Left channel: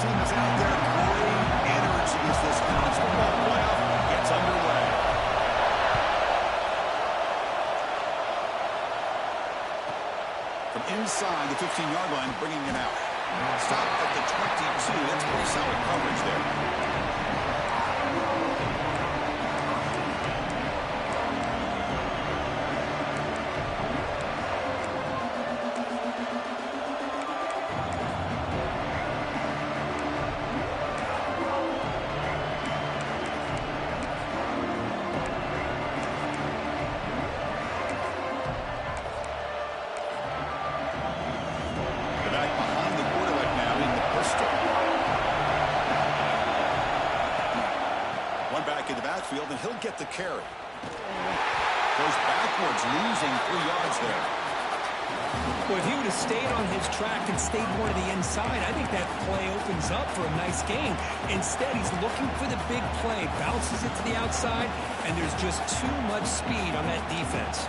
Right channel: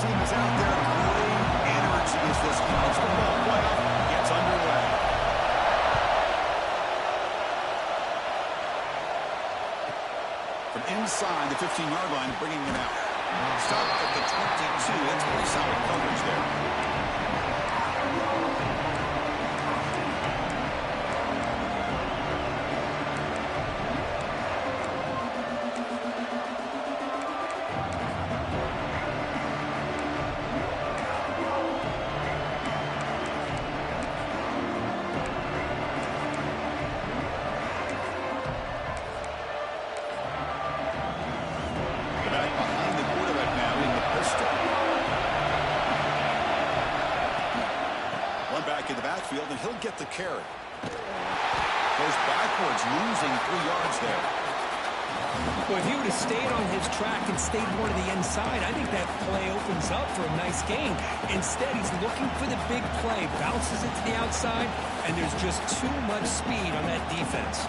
team is out there. Great energy as this college football playoff gets underway. From inside the 15-yard line, bringing it out. Stop at the 22. That's pretty solid coverage there. Back in the backfield, and he'll get the carry. Goes backwards, losing 3 yards there. Well, if he would have stayed on his track and stayed more to the inside, I think that play opens up for a nice gain. Instead, he's looking for the big play, bounces it to the outside, and there's just too much speed on that defense.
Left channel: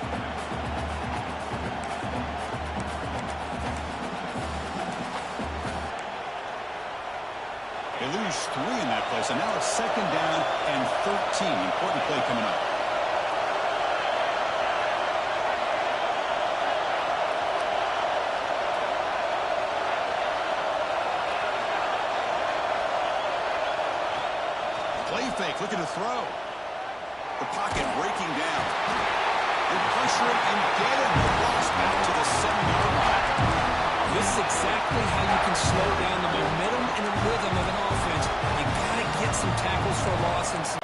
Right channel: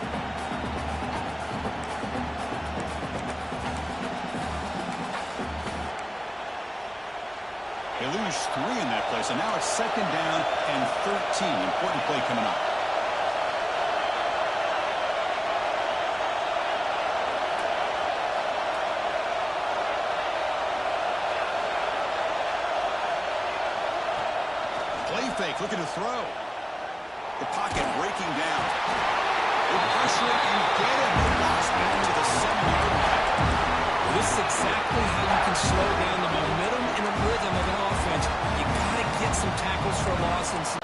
They lose 3 in that play, so now it's 2nd down and 13. Important play coming up. Play fake, looking to throw. The pocket breaking down. They pressure it and get him. The loss back to the 7-yard line. This is exactly how you can slow down the momentum and the rhythm of an offense. You got to get some tackles for loss and some.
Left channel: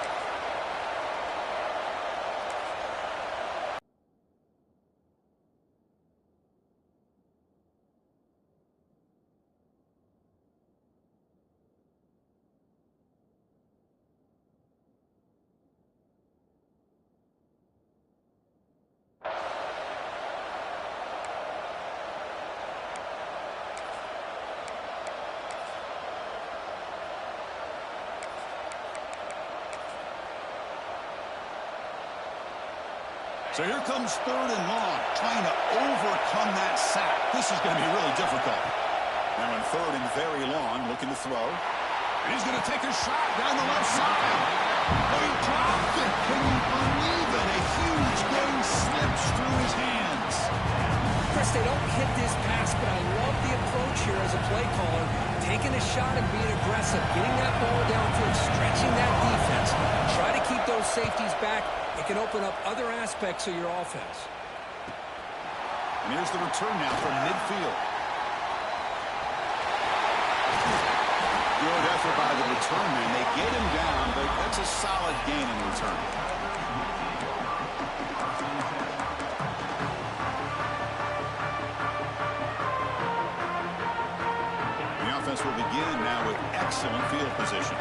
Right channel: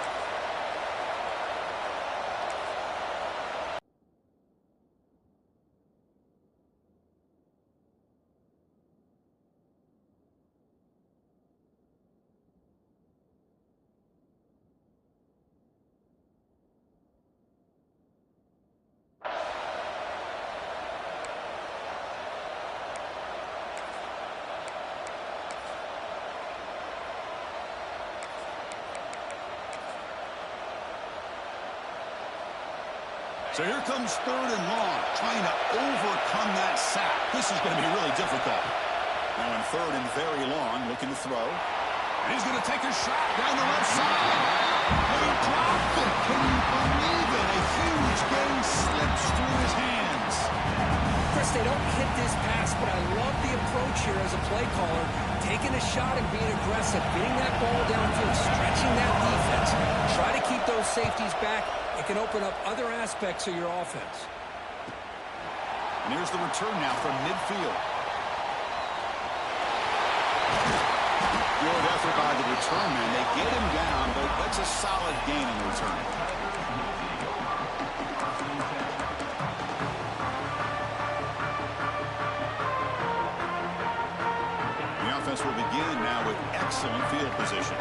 So here comes 3rd and long, trying to overcome that sack. This is going to be really difficult. Now in 3rd and very long, looking to throw. And he's going to take a shot down the left side. Oh, he dropped it. Can you believe it? A huge gain slips through his hands. Chris, they don't hit this pass, but I love the approach here as a play caller. Taking a shot and being aggressive, getting that ball downfield, stretching that defense. Try to keep those safeties back. It can open up other aspects of your offense. And here's the return now from midfield. Good effort by the return man. They get him down, but that's a solid gain in the return. The offense will begin now with excellent field position.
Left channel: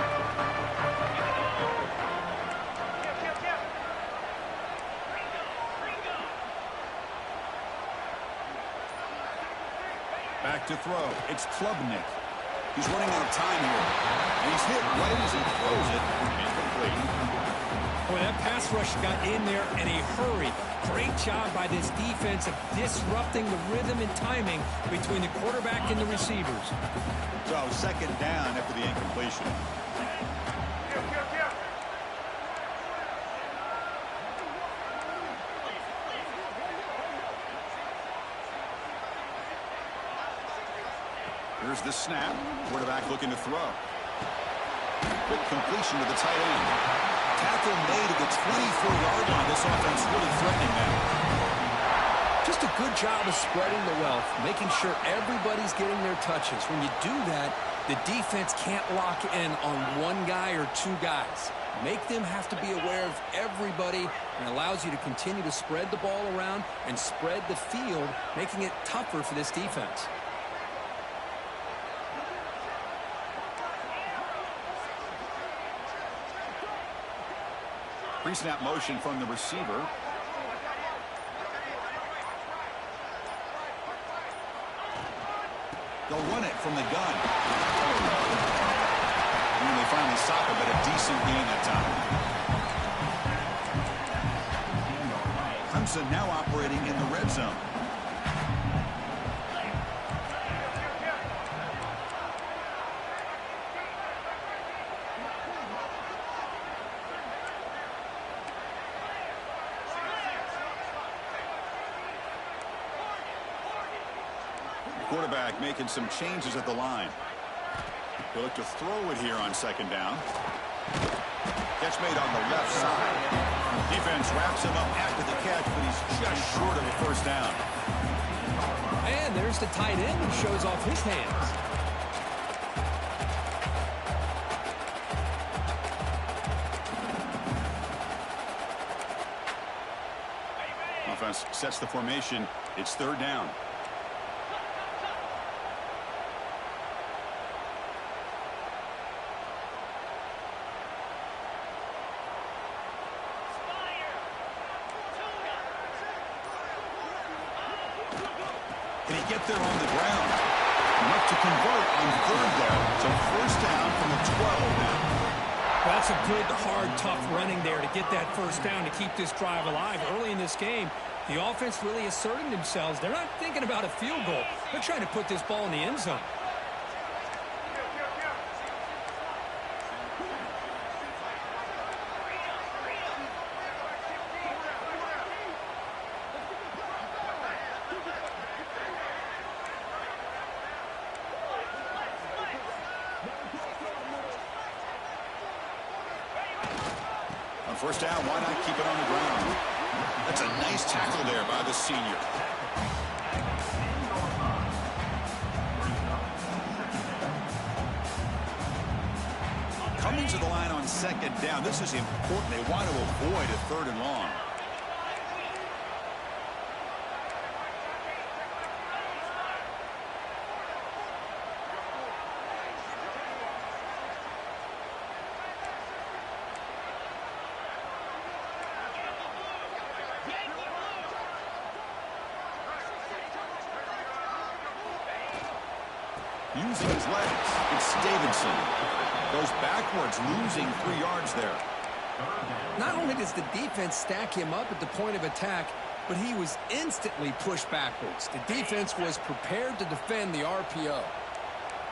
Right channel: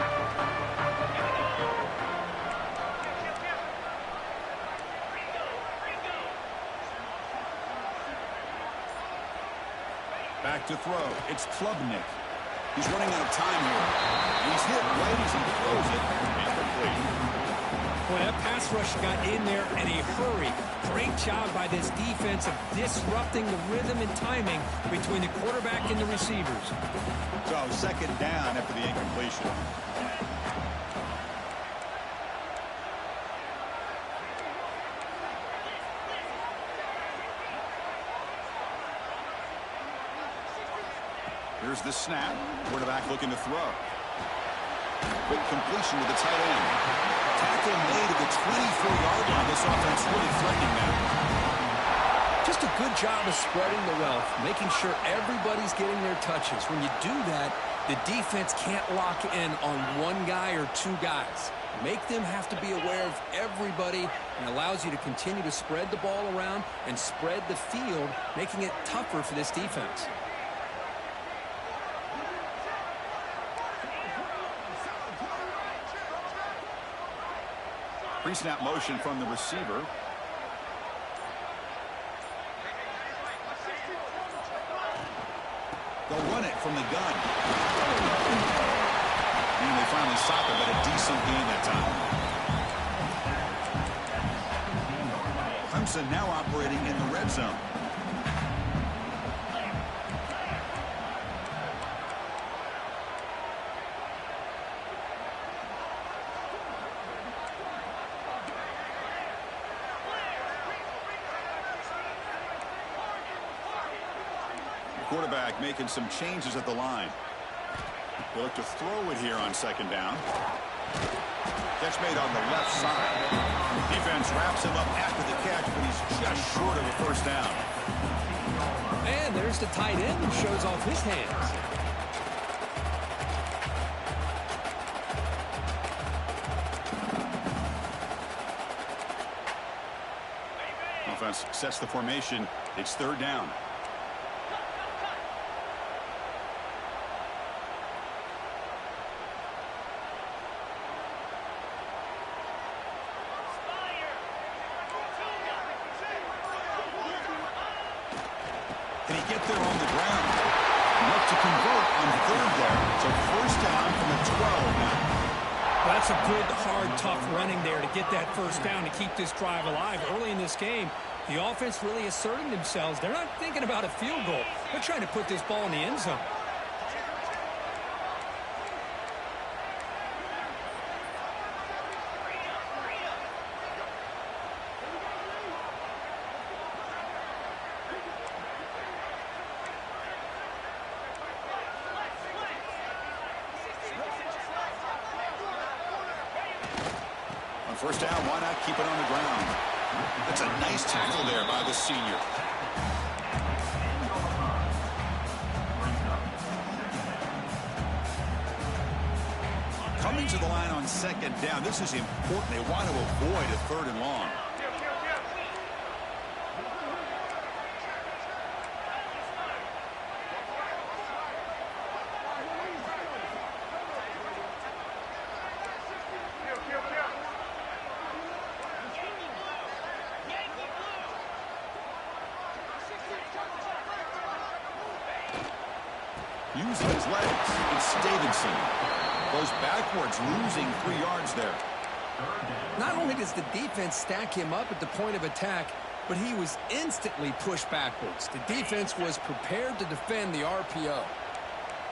Back to throw. It's Klubnik. He's running out of time here. And he's hit right as he throws it. Incomplete. Boy, that pass rush got in there in a hurry. Great job by this defense of disrupting the rhythm and timing between the quarterback and the receivers. So 2nd down after the incompletion. Here's the snap. Quarterback looking to throw. Quick completion to the tight end. Tackle made at the 24-yard line. This offense really threatening now. Just a good job of spreading the wealth, making sure everybody's getting their touches. When you do that, the defense can't lock in on one guy or 2 guys. Make them have to be aware of everybody, and allows you to continue to spread the ball around and spread the field, making it tougher for this defense. Pre-snap motion from the receiver. They'll run it from the gun. And they finally stop it, but a decent gain that time. Clemson now operating in the red zone. Quarterback making some changes at the line. He'll look to throw it here on second down. Catch made on the left side. Defense wraps him up after the catch, but he's just short of a first down. And there's the tight end who shows off his hands. Offense sets the formation. It's third down. Can he get there on the ground? Enough to convert on third there. So first down from the 12 now. Well, that's a good, hard, tough running there to get that first down to keep this drive alive. Early in this game, the offense really asserting themselves. They're not thinking about a field goal. They're trying to put this ball in the end zone. First down, why not keep it on the ground? That's a nice tackle there by the senior. Coming to the line on second down. This is important. They want to avoid a third and long. Using his legs, it's Davidson. Goes backwards, losing 3 yards there. Not only does the defense stack him up at the point of attack, but he was instantly pushed backwards. The defense was prepared to defend the RPO.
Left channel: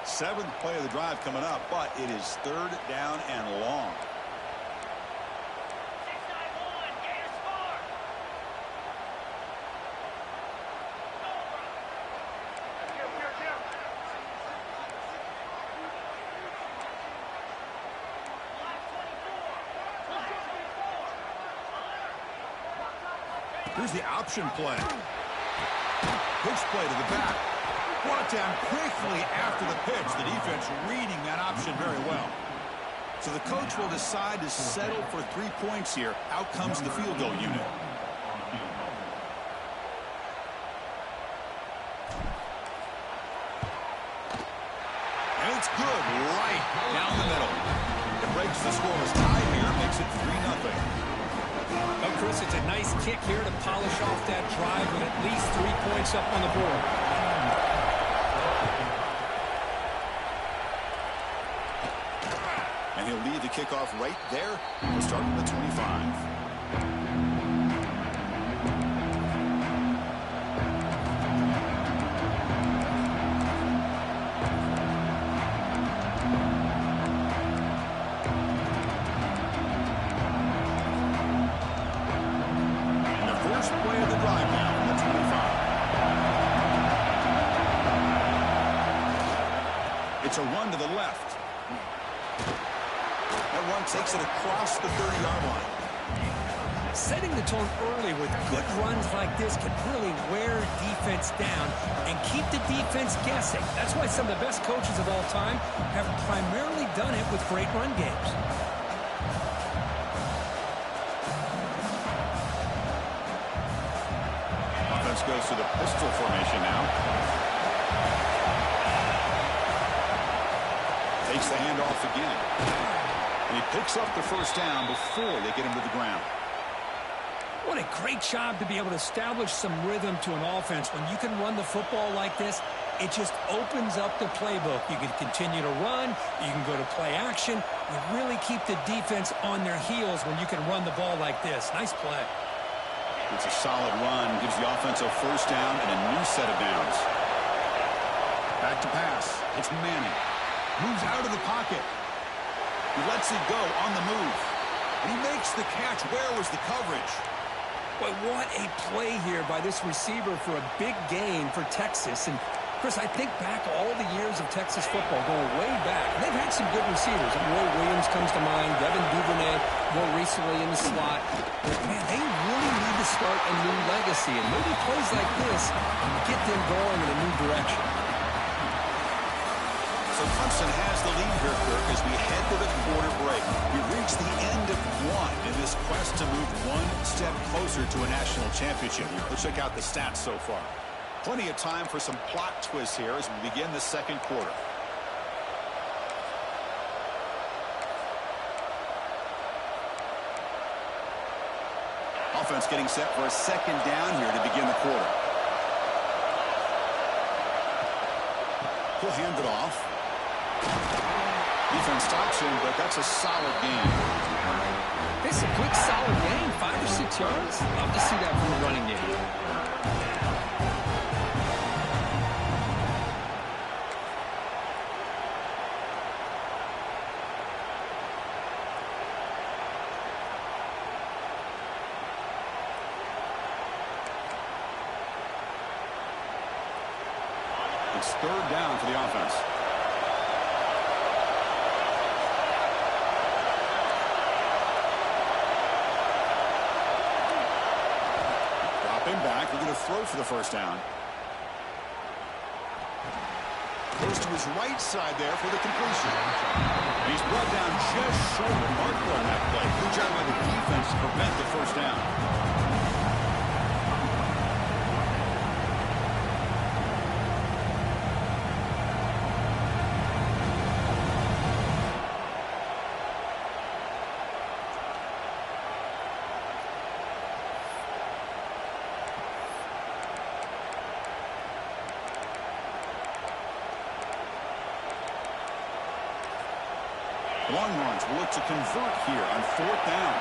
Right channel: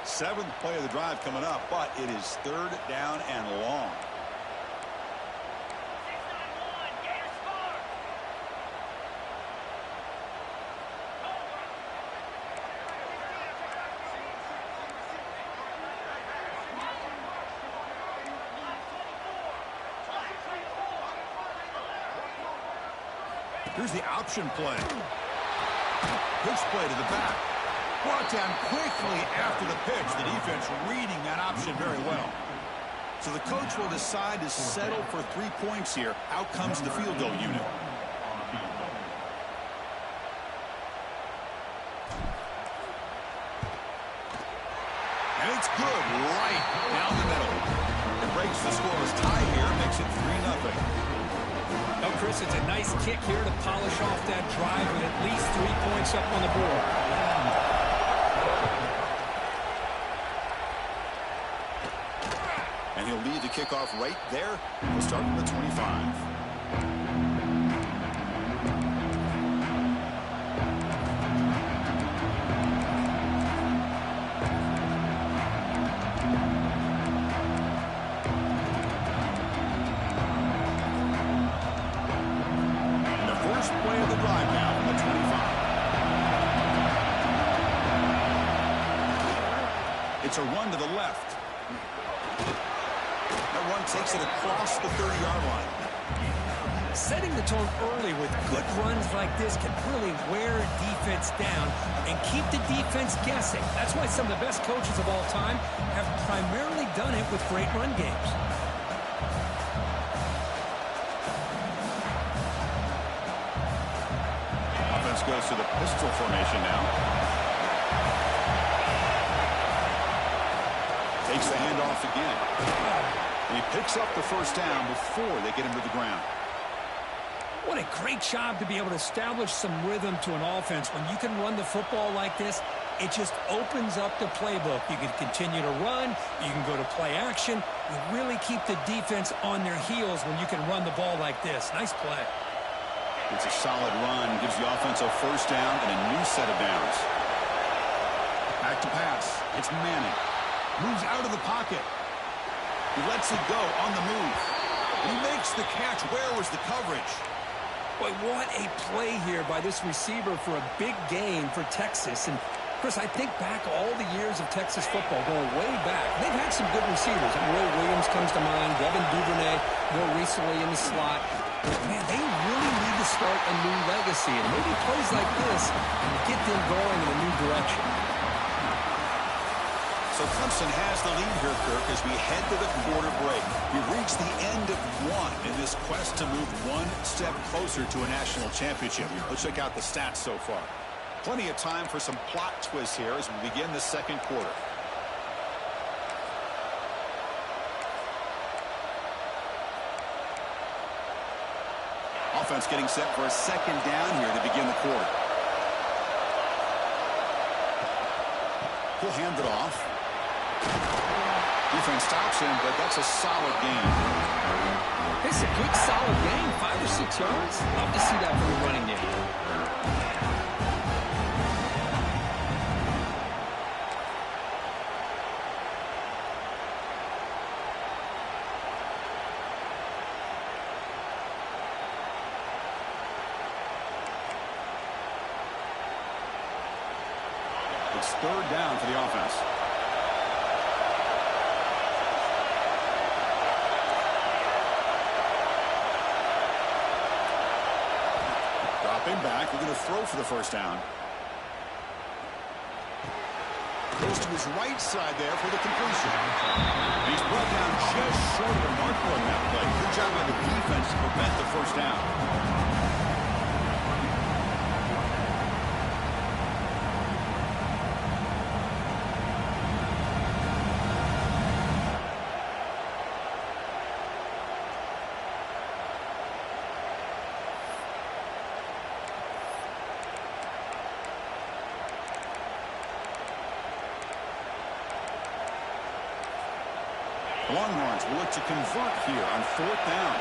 7th play of the drive coming up, but it is third down and long. Here's the option play. Pitch play to the back. Brought down quickly after the pitch. The defense reading that option very well. So the coach will decide to settle for 3 points here. Out comes the field goal unit. And it's good right down the middle. It breaks the scoreless tie here. Makes it 3-0. Oh, Chris, it's a nice kick here to polish off that drive with at least 3 points up on the board. And he'll lead the kickoff right there. We'll start from the 25. Play of the drive now from the 25. It's a run to the left. That run takes it across the 30-yard line. Setting the tone early with good runs like this can really wear defense down and keep the defense guessing. That's why some of the best coaches of all time have primarily done it with great run games. Goes to the pistol formation now. Takes the handoff again. And he picks up the first down before they get him to the ground. What a great job to be able to establish some rhythm to an offense. When you can run the football like this, it just opens up the playbook. You can continue to run. You can go to play action. You really keep the defense on their heels when you can run the ball like this. Nice play. It's a solid run. Gives the offense a first down and a new set of downs. Back to pass. It's Manning. Moves out of the pocket. He lets it go on the move. And he makes the catch. Where was the coverage? Boy, what a play here by this receiver for a big gain for Texas. And Chris, I think back all the years of Texas football, going way back. They've had some good receivers. Roy Williams comes to mind, Devin Duvernay more recently in the slot. But, man, they really need to start a new legacy, and maybe plays like this get them going in a new direction. So Clemson has the lead here, Kirk, as we head to the quarter break. We've reached the end of one in this quest to move one step closer to a national championship. Let's check out the stats so far. Plenty of time for some plot twists here as we begin the second quarter. Offense getting set for a second down here to begin the quarter. He'll hand it off. Defense stops him, but that's a solid gain. It's a good, solid gain, 5 or 6 yards. Love to see that from the running game. It's third down for the offense. Dropping back, we're going to throw for the first down. Goes to his right side there for the completion. And he's brought down just short of the marker on that play. Good job by the defense to prevent the first down. Longhorns will look to convert here on fourth down.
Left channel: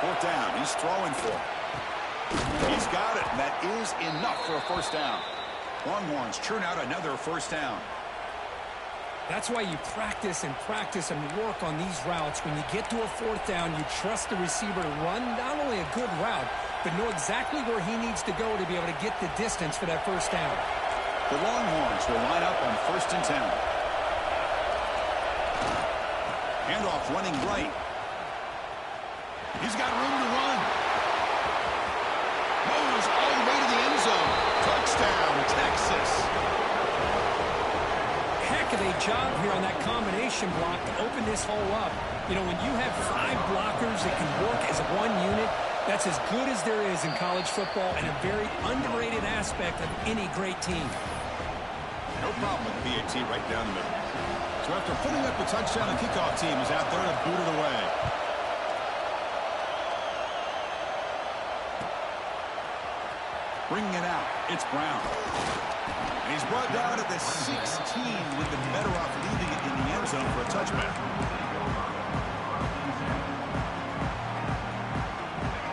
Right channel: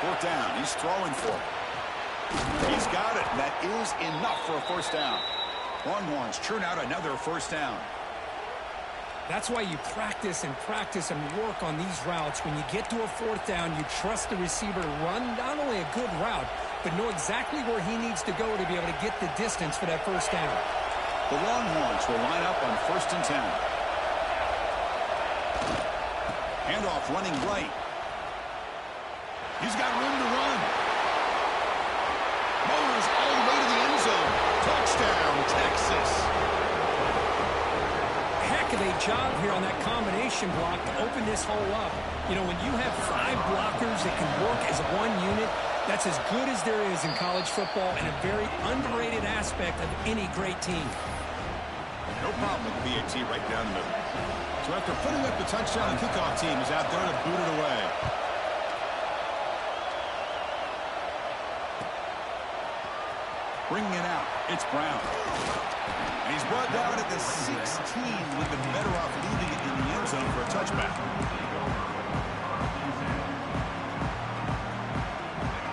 Fourth down. He's throwing for it. He's got it. That is enough for a first down. Longhorns churn out another first down. That's why you practice and work on these routes. When you get to a fourth down, you trust the receiver to run not only a good route, but know exactly where he needs to go to be able to get the distance for that first down. The Longhorns will line up on 1st and 10. Handoff running right. He's got room to run. Motors all the way to the end zone. Touchdown, Texas. Heck of a job here on that combination block to open this hole up. You know, when you have 5 blockers that can work as one unit, that's as good as there is in college football and a very underrated aspect of any great team. No problem with the BAT right down the middle. So after putting up the touchdown, the kickoff team is out there to boot it away. Bringing it out, it's Brown. And he's brought down at the 16 with the better off leaving it in the end zone for a touchback.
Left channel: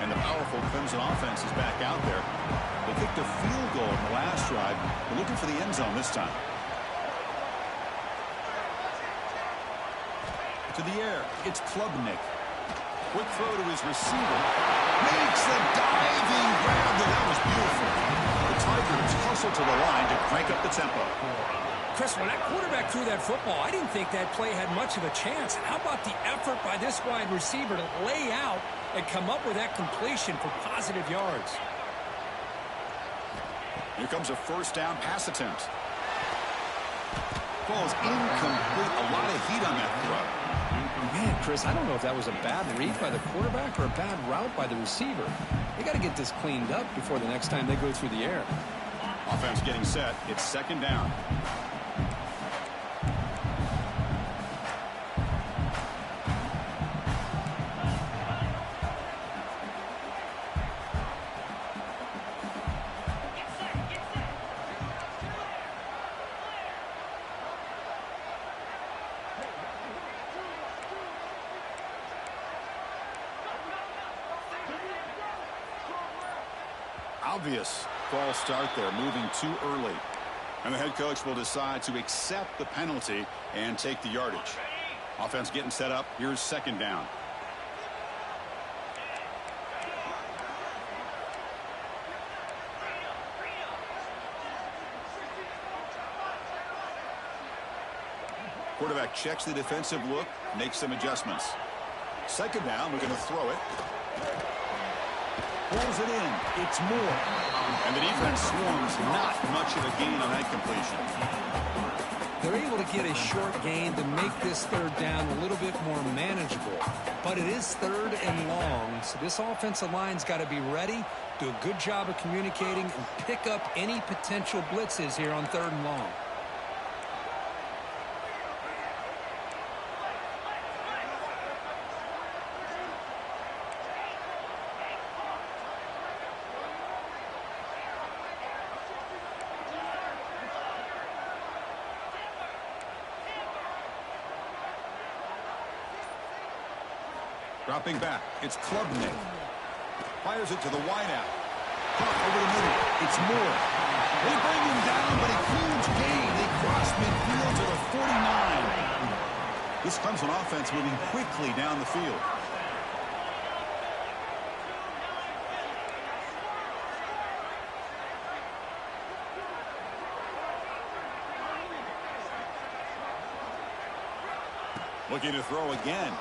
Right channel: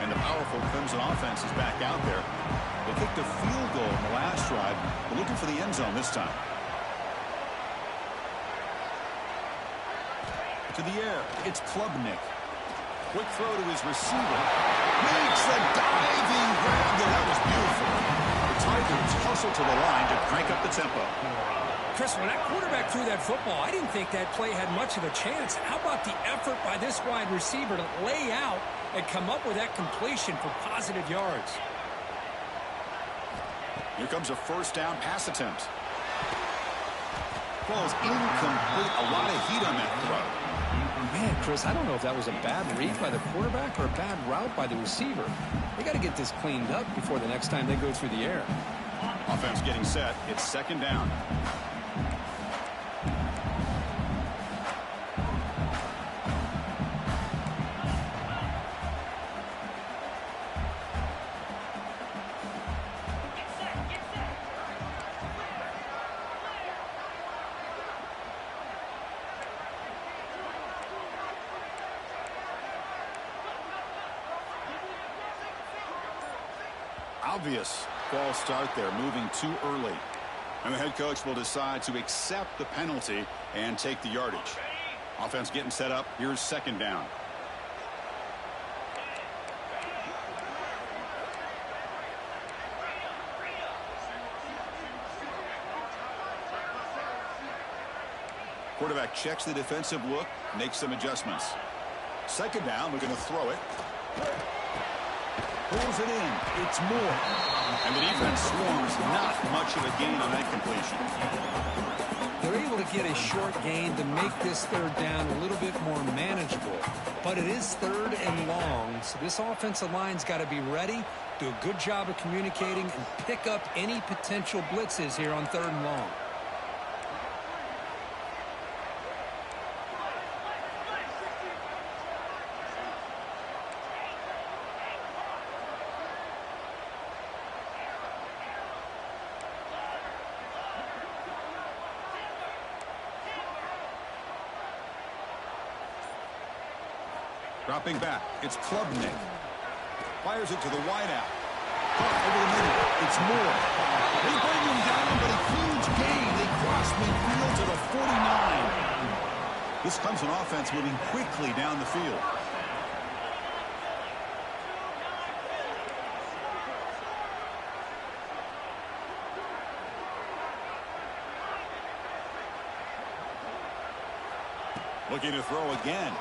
And the powerful Clemson offense is back out there. They kicked a field goal in the last drive. They're looking for the end zone this time. To the air, it's Klubnik. Quick throw to his receiver. Makes the diving grab there. That was beautiful. The Tigers hustle to the line to crank up the tempo. Chris, when that quarterback threw that football, I didn't think that play had much of a chance. How about the effort by this wide receiver to lay out and come up with that completion for positive yards? Here comes a first down pass attempt. Ball's incomplete. A lot of heat on that throw. Man, Chris, I don't know if that was a bad read by the quarterback or a bad route by the receiver. They got to get this cleaned up before the next time they go through the air. Offense getting set. It's second down. Obvious false start there, moving too early. And the head coach will decide to accept the penalty and take the yardage. Offense getting set up. Here's second down. Quarterback checks the defensive look, makes some adjustments. Second down, looking to throw it. Pulls it in. It's Moore. And the defense swarms, not much of a gain on that completion. They're able to get a short gain to make this third down a little bit more manageable. But it is third and long, so this offensive line's got to be ready, do a good job of communicating, and pick up any potential blitzes here on third and long. Dropping back, it's Klubnik. Fires it to the wideout. Caught over the middle, it's Moore. They bring him down, but a huge gain. They cross midfield to the 49. This comes on offense moving quickly down the field. Looking to throw again.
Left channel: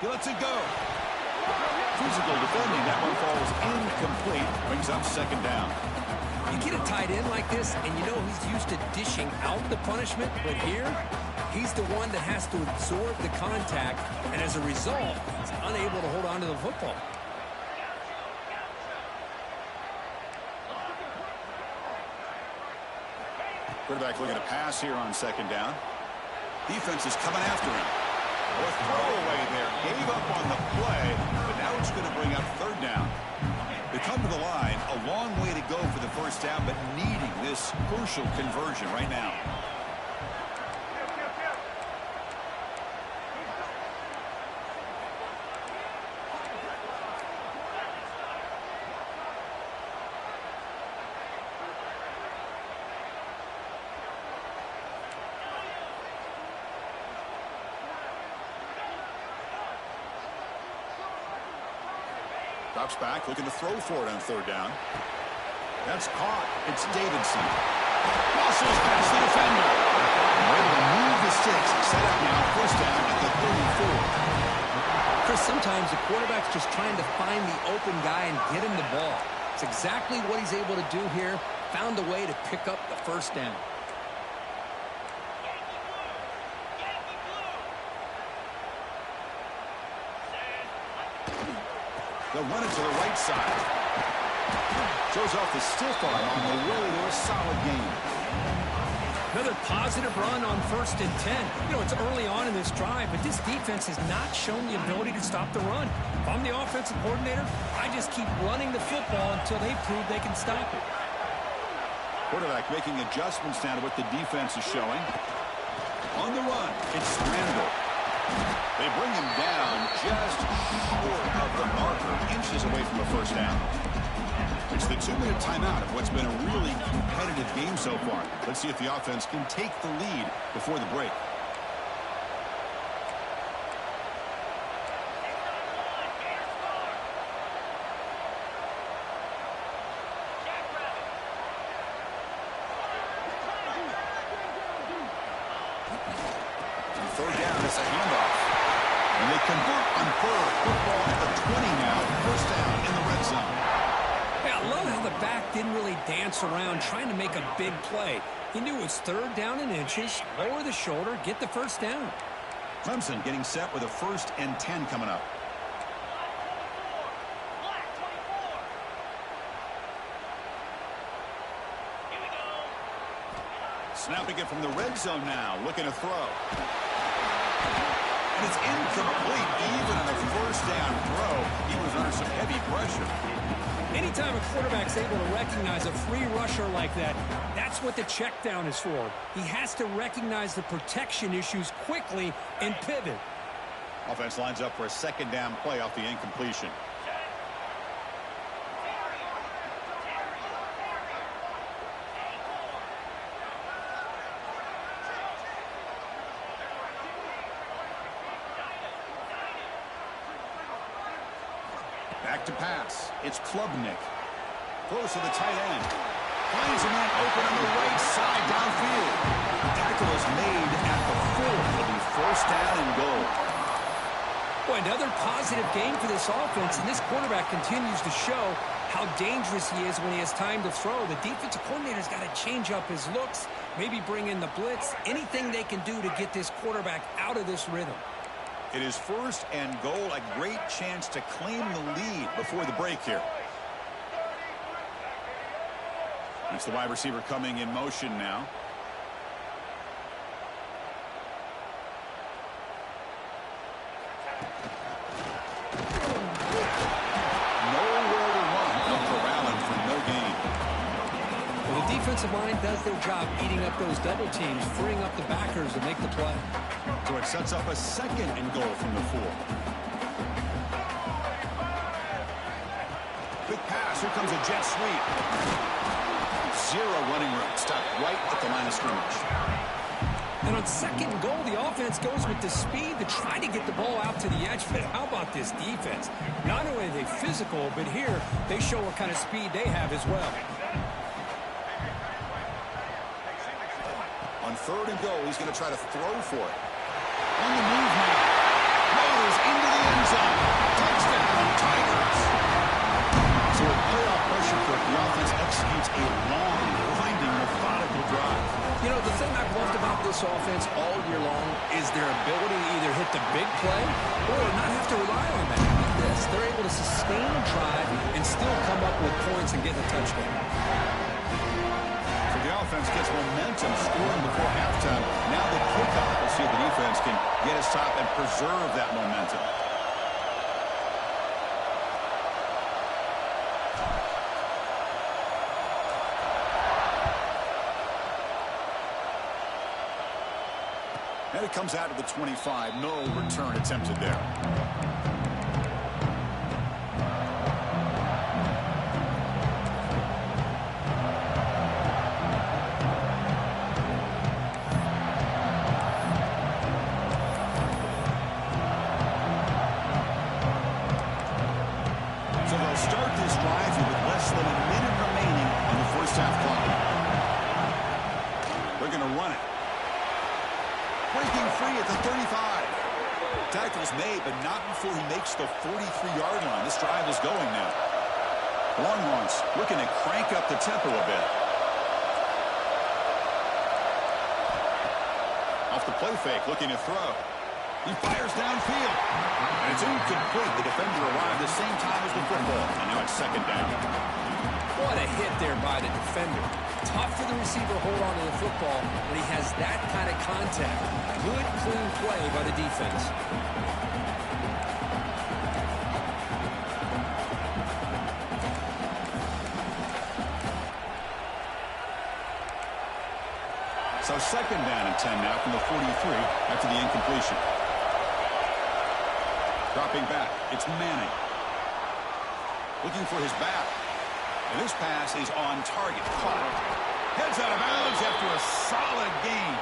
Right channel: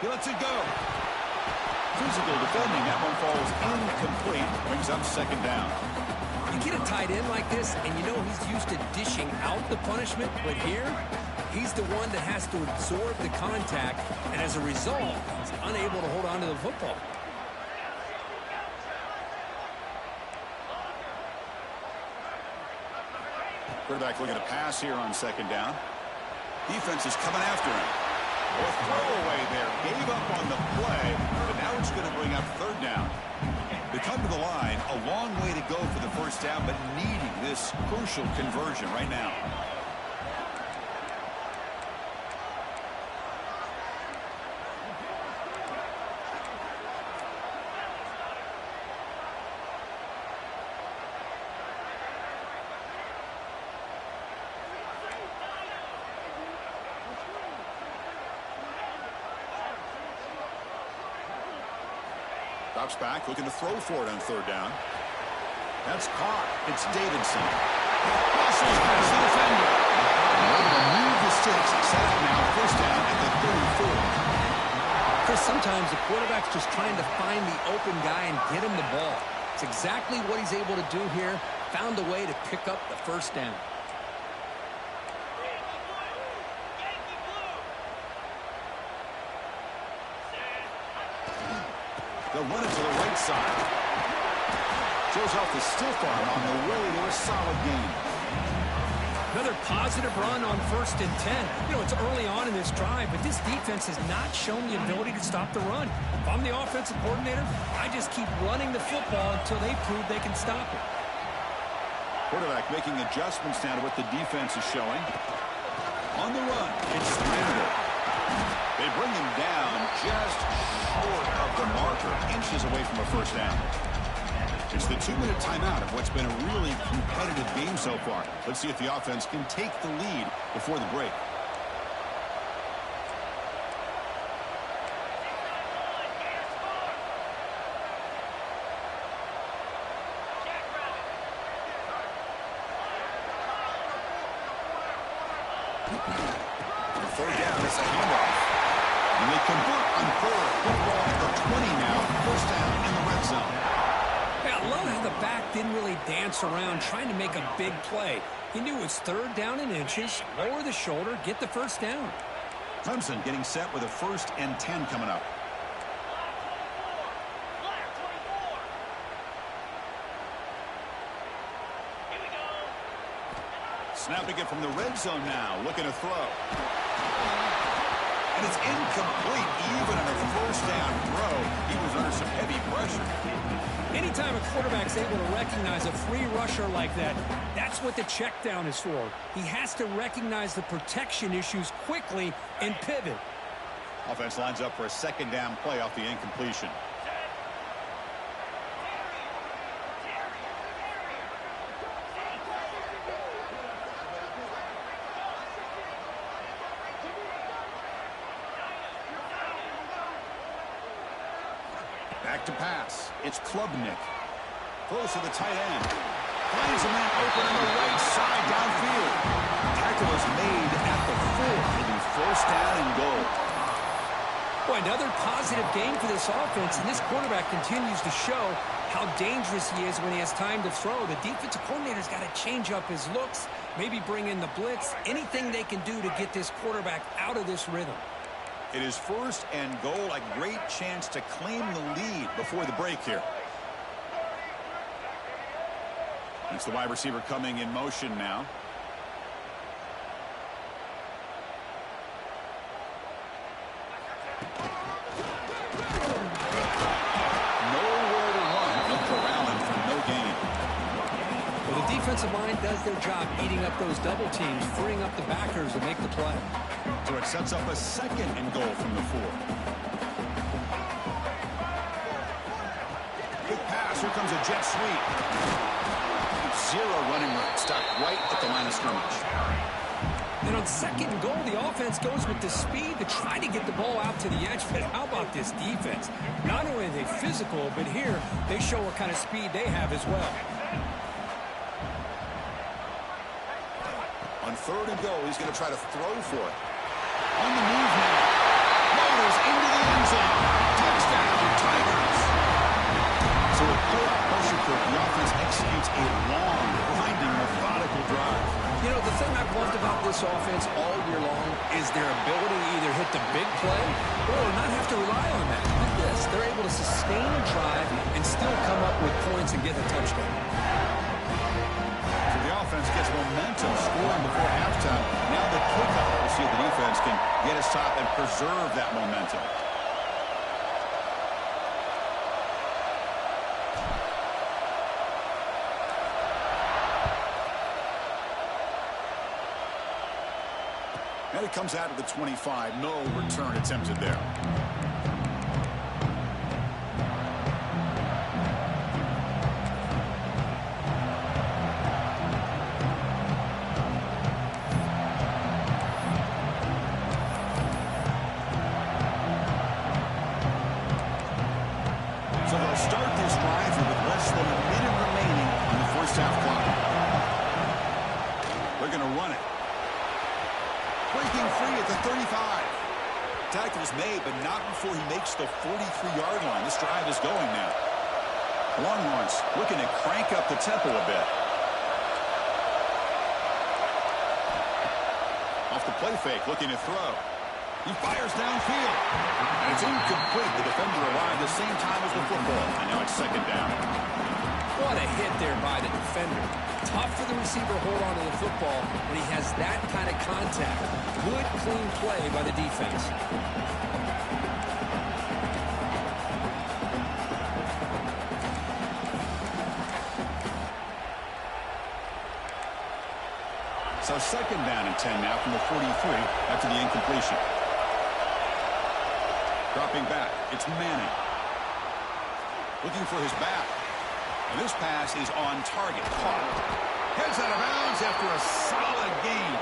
He lets it go. Physical defending. That one falls incomplete. Brings up second down. You get a tight end like this, and you know he's used to dishing out the punishment, but here, he's the one that has to absorb the contact, and as a result, he's unable to hold on to the football. Quarterback looking to pass here on second down. Defense is coming after him. A throwaway there. Gave up on the play, but now it's going to bring up third down. They come to the line. A long way to go for the first down, but needing this crucial conversion right now. Drops back, looking to throw for it on third down. That's caught. It's Davidson. Muscles past the defender. Able to move the sticks. Set up now, first down at the 34. Chris, sometimes the quarterback's just trying to find the open guy and get him the ball. It's exactly what he's able to do here. Found a way to pick up the first down. They'll run it to the right side. Shows off the stiff arm on the way to a solid gain. Another positive run on 1st and 10. You know, it's early on in this drive, but this defense has not shown the ability to stop the run. If I'm the offensive coordinator, I just keep running the football until they prove they can stop it. Quarterback making adjustments now to what the defense is showing. On the run, it's scrambled. They bring him down just short of the marker, inches away from a first down. It's the 2-minute timeout of what's been a really competitive game so far. Let's see if the offense can take the lead before the break. Third down, it's a handoff. And they convert on third. Football at the 20 now. First down in the red zone. Hey, I love how the back didn't really dance around trying to make a big play. He knew it was third down in inches, lower the shoulder, get the first down. Clemson getting set with a 1st and 10 coming up. Snapping it from the red zone now, looking to throw. And it's incomplete, even on a first down throw. He was under some heavy pressure. Anytime a quarterback's able to recognize a free rusher like that, that's what the check down is for. He has to recognize the protection issues quickly and pivot. Offense lines up for a second down play off the incompletion. Back to pass. It's Klubnik. Throws to the tight end. Finds a man open on the right side downfield. Tackle is made at the Well, another positive game for this offense, and this quarterback continues to show how dangerous he is when he has time to throw. The defensive coordinator's got to change up his looks, maybe bring in the blitz, anything they can do to get this quarterback out of this rhythm. It is first and goal, a great chance to claim the lead before the break here. It's the wide receiver coming in motion now. Nowhere to run. They'll corral him for no gain. Well, the defensive line does their job eating up those double teams, freeing up the backers to make the play. So it sets up a second and goal from the 4. Quick pass. Here comes a jet sweep. Zero running room. Stopped right at the line of scrimmage. And on second and goal, the offense goes with the speed to try to get the ball out to the edge. But how about this defense? Not only are they physical, but here they show what kind of speed they have as well. On third and goal, he's going to try to throw for it. On the move now. Motors into the end zone. Touchdown, Tigers. So with playoff pressure, Kirk, the offense executes a long, grinding, methodical drive. You know, the thing I've loved about this offense all year long is their ability to either hit the big play or not have to rely on that. Like this, they're able to sustain a drive and still come up with points and get a touchdown. So the offense gets momentum scoring before halftime. Now the kickoff. We'll see if the defense can get a stop and preserve that momentum. And it comes out of the 25. No return attempted there. So they'll start this drive here with less than a minute remaining on the first half clock. They're going to run it. Breaking free at the 35. Tackle's made, but not before he makes the 43-yard line. This drive is going now. The Longhorns looking to crank up the tempo a bit. Off the play fake, looking to throw. He fires downfield. And it's incomplete. The defender arrived the same time as the football. And now it's second down. What a hit there by the defender. Tough for the receiver to hold on to the football when he has that kind of contact. Good, clean play by the defense. So second down and 10 now from the 43 after the incompletion. Dropping back, it's Manning. Looking for his back. And this pass is on target. Caught. Heads out of bounds after a solid gain.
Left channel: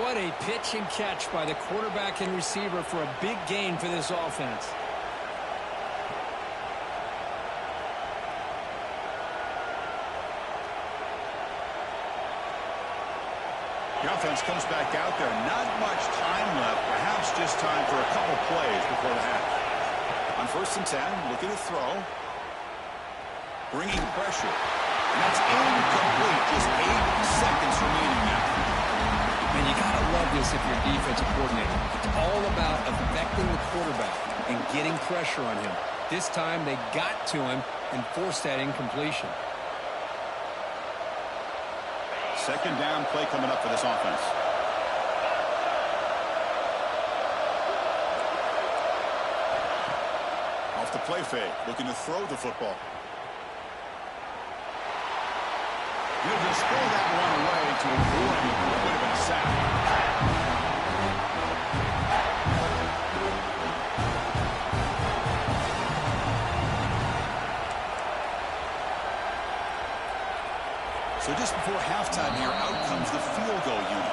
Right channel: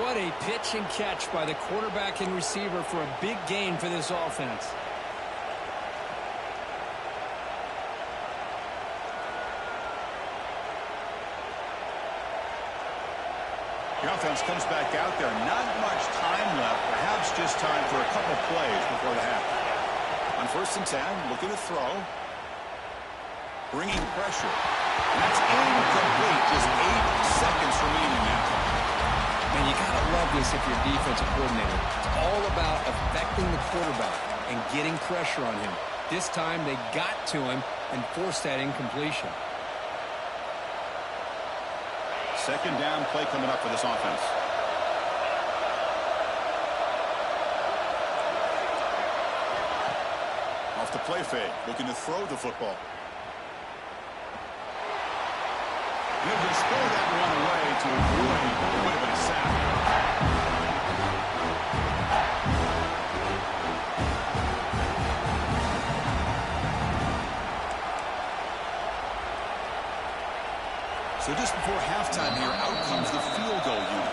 What a pitch and catch by the quarterback and receiver for a big gain for this offense. The offense comes back out there. Not much time left. Perhaps just time for a couple plays before the half. On first and 10, looking to throw. Bringing pressure. And that's incomplete. Just 8 seconds remaining now. Man, you got to love this if you're a defensive coordinator. It's all about affecting the quarterback and getting pressure on him. This time they got to him and forced that incompletion. Second down play coming up for this offense. Off the play fake, looking to throw the football. He'll just throw that one away to avoid what would have been a sack. So just before halftime here, out comes the field goal unit.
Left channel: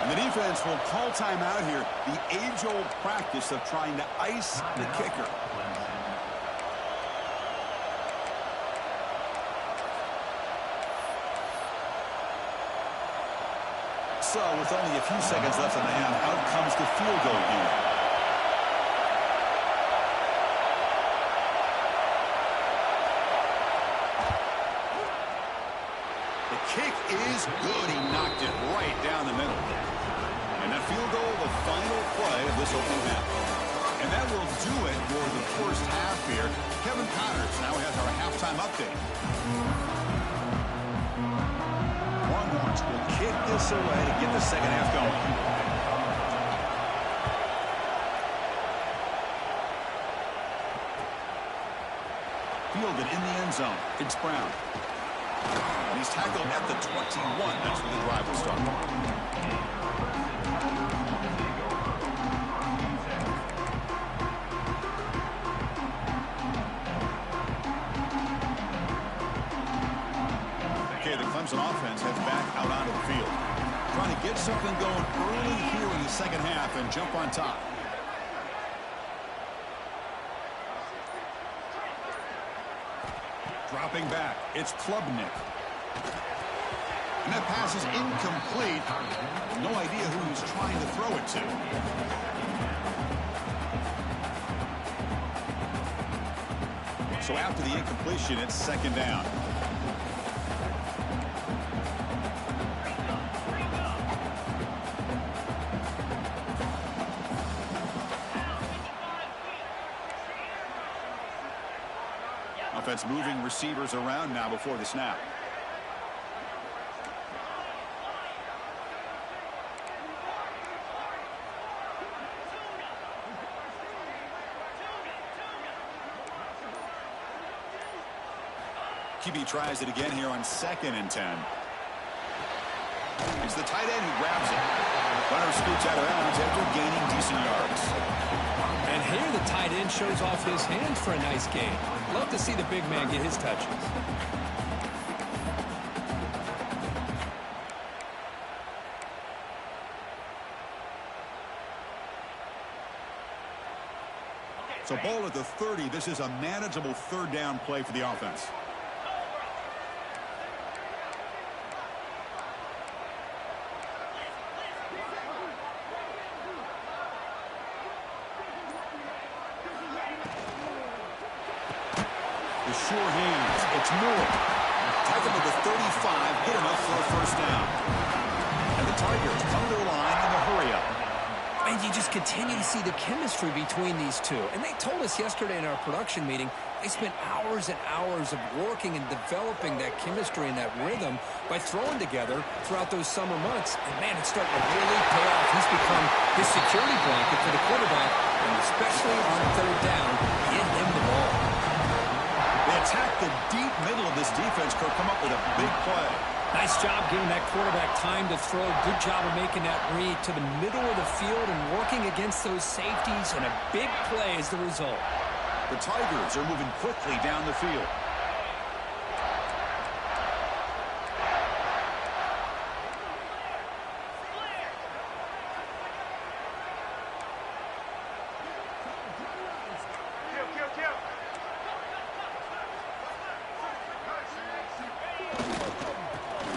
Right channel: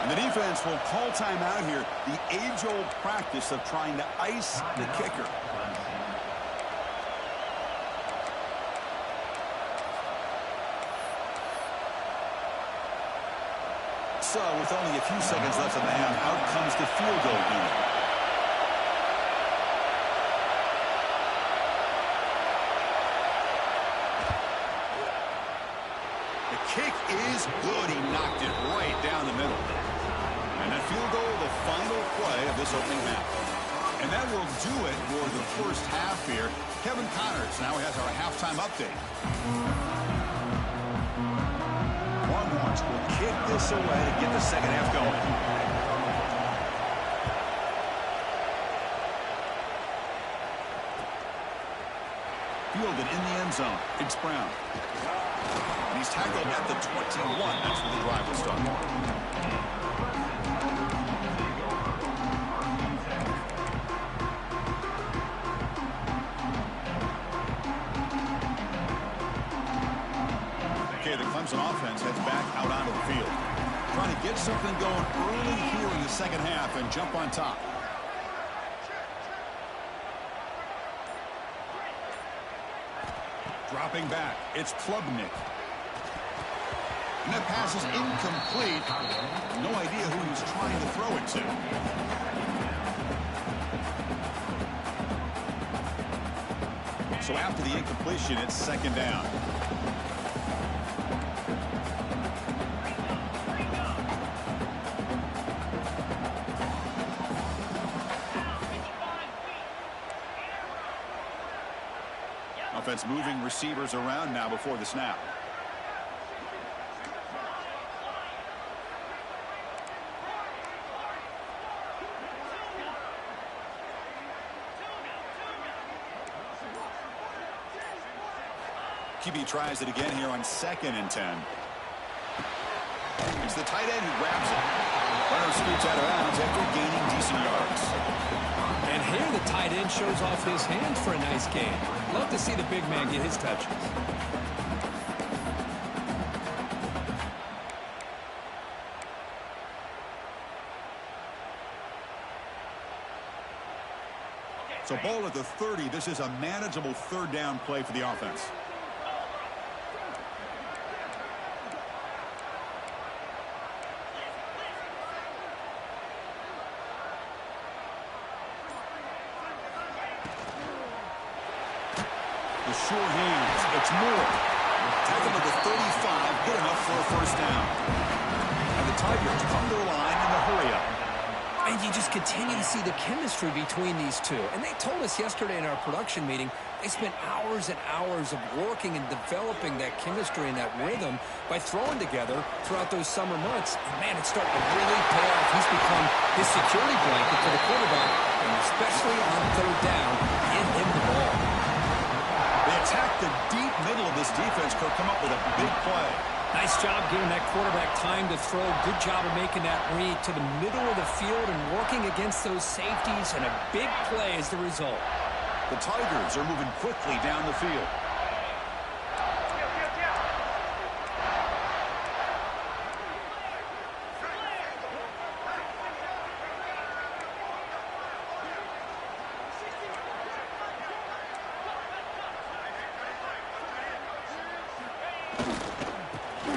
And the defense will call timeout here. The age-old practice of trying to ice the kicker. So with only a few seconds left in the half, out comes the field goal unit. was good. He knocked it right down the middle. And that field goal, the final play of this opening half. And that will do it for the first half here. Kevin Connors now has our halftime update. Longhorns will kick this away to get the second half going. Fielded in the end zone. It's Brown. And he's tackled at the 21. That's where the drive will start. Okay, the Clemson offense heads back out onto the field. Trying to get something going early here in the second half and jump on top. Dropping back, it's Klubnik. And that pass is incomplete. No idea who he was trying to throw it to. So after the incompletion, it's second down. Offense moving receivers around now before the snap. QB tries it again here on 2nd and 10. It's the tight end who grabs it. Runner scoots out of bounds after gaining decent yards. And here the tight end shows off his hands for a nice gain. Love to see the big man get his touches. So ball at the 30. This is a manageable third down play for the offense. Sure hands. It's Moore. Tackle at the 35. Good enough for a first down. And the Tigers come to the line in the hurry-up. And you just continue to see the chemistry between these two. And they told us yesterday in our production meeting they spent hours and hours of working and developing that chemistry and that rhythm by throwing together throughout those summer months. And, man, it's starting to really pay off. He's become his security blanket for the quarterback, and especially on third down, give him the ball. They attack the deep middle of this defense, Kirk, come up with a big play. Nice job giving that quarterback time to throw. Good job of making that read to the middle of the field and working against those safeties, and a big play as the result. The Tigers are moving quickly down the field.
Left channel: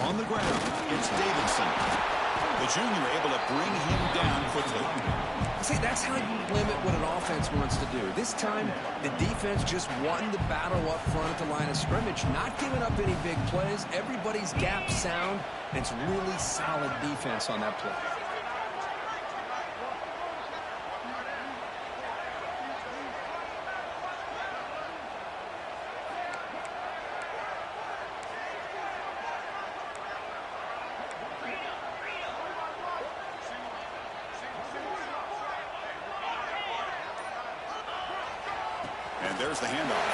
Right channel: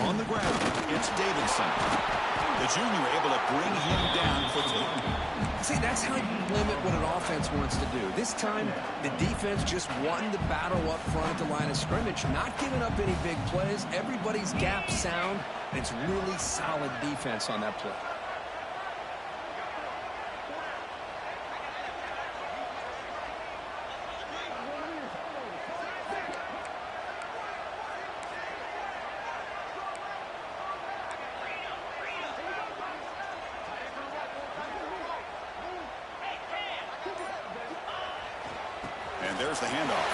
On the ground, it's Davidson. The junior able to bring him down quickly. See, that's how you limit what an offense wants to do. This time, the defense just won the battle up front at the line of scrimmage, not giving up any big plays. Everybody's gap sound, and it's really solid defense on that play. And there's the handoff.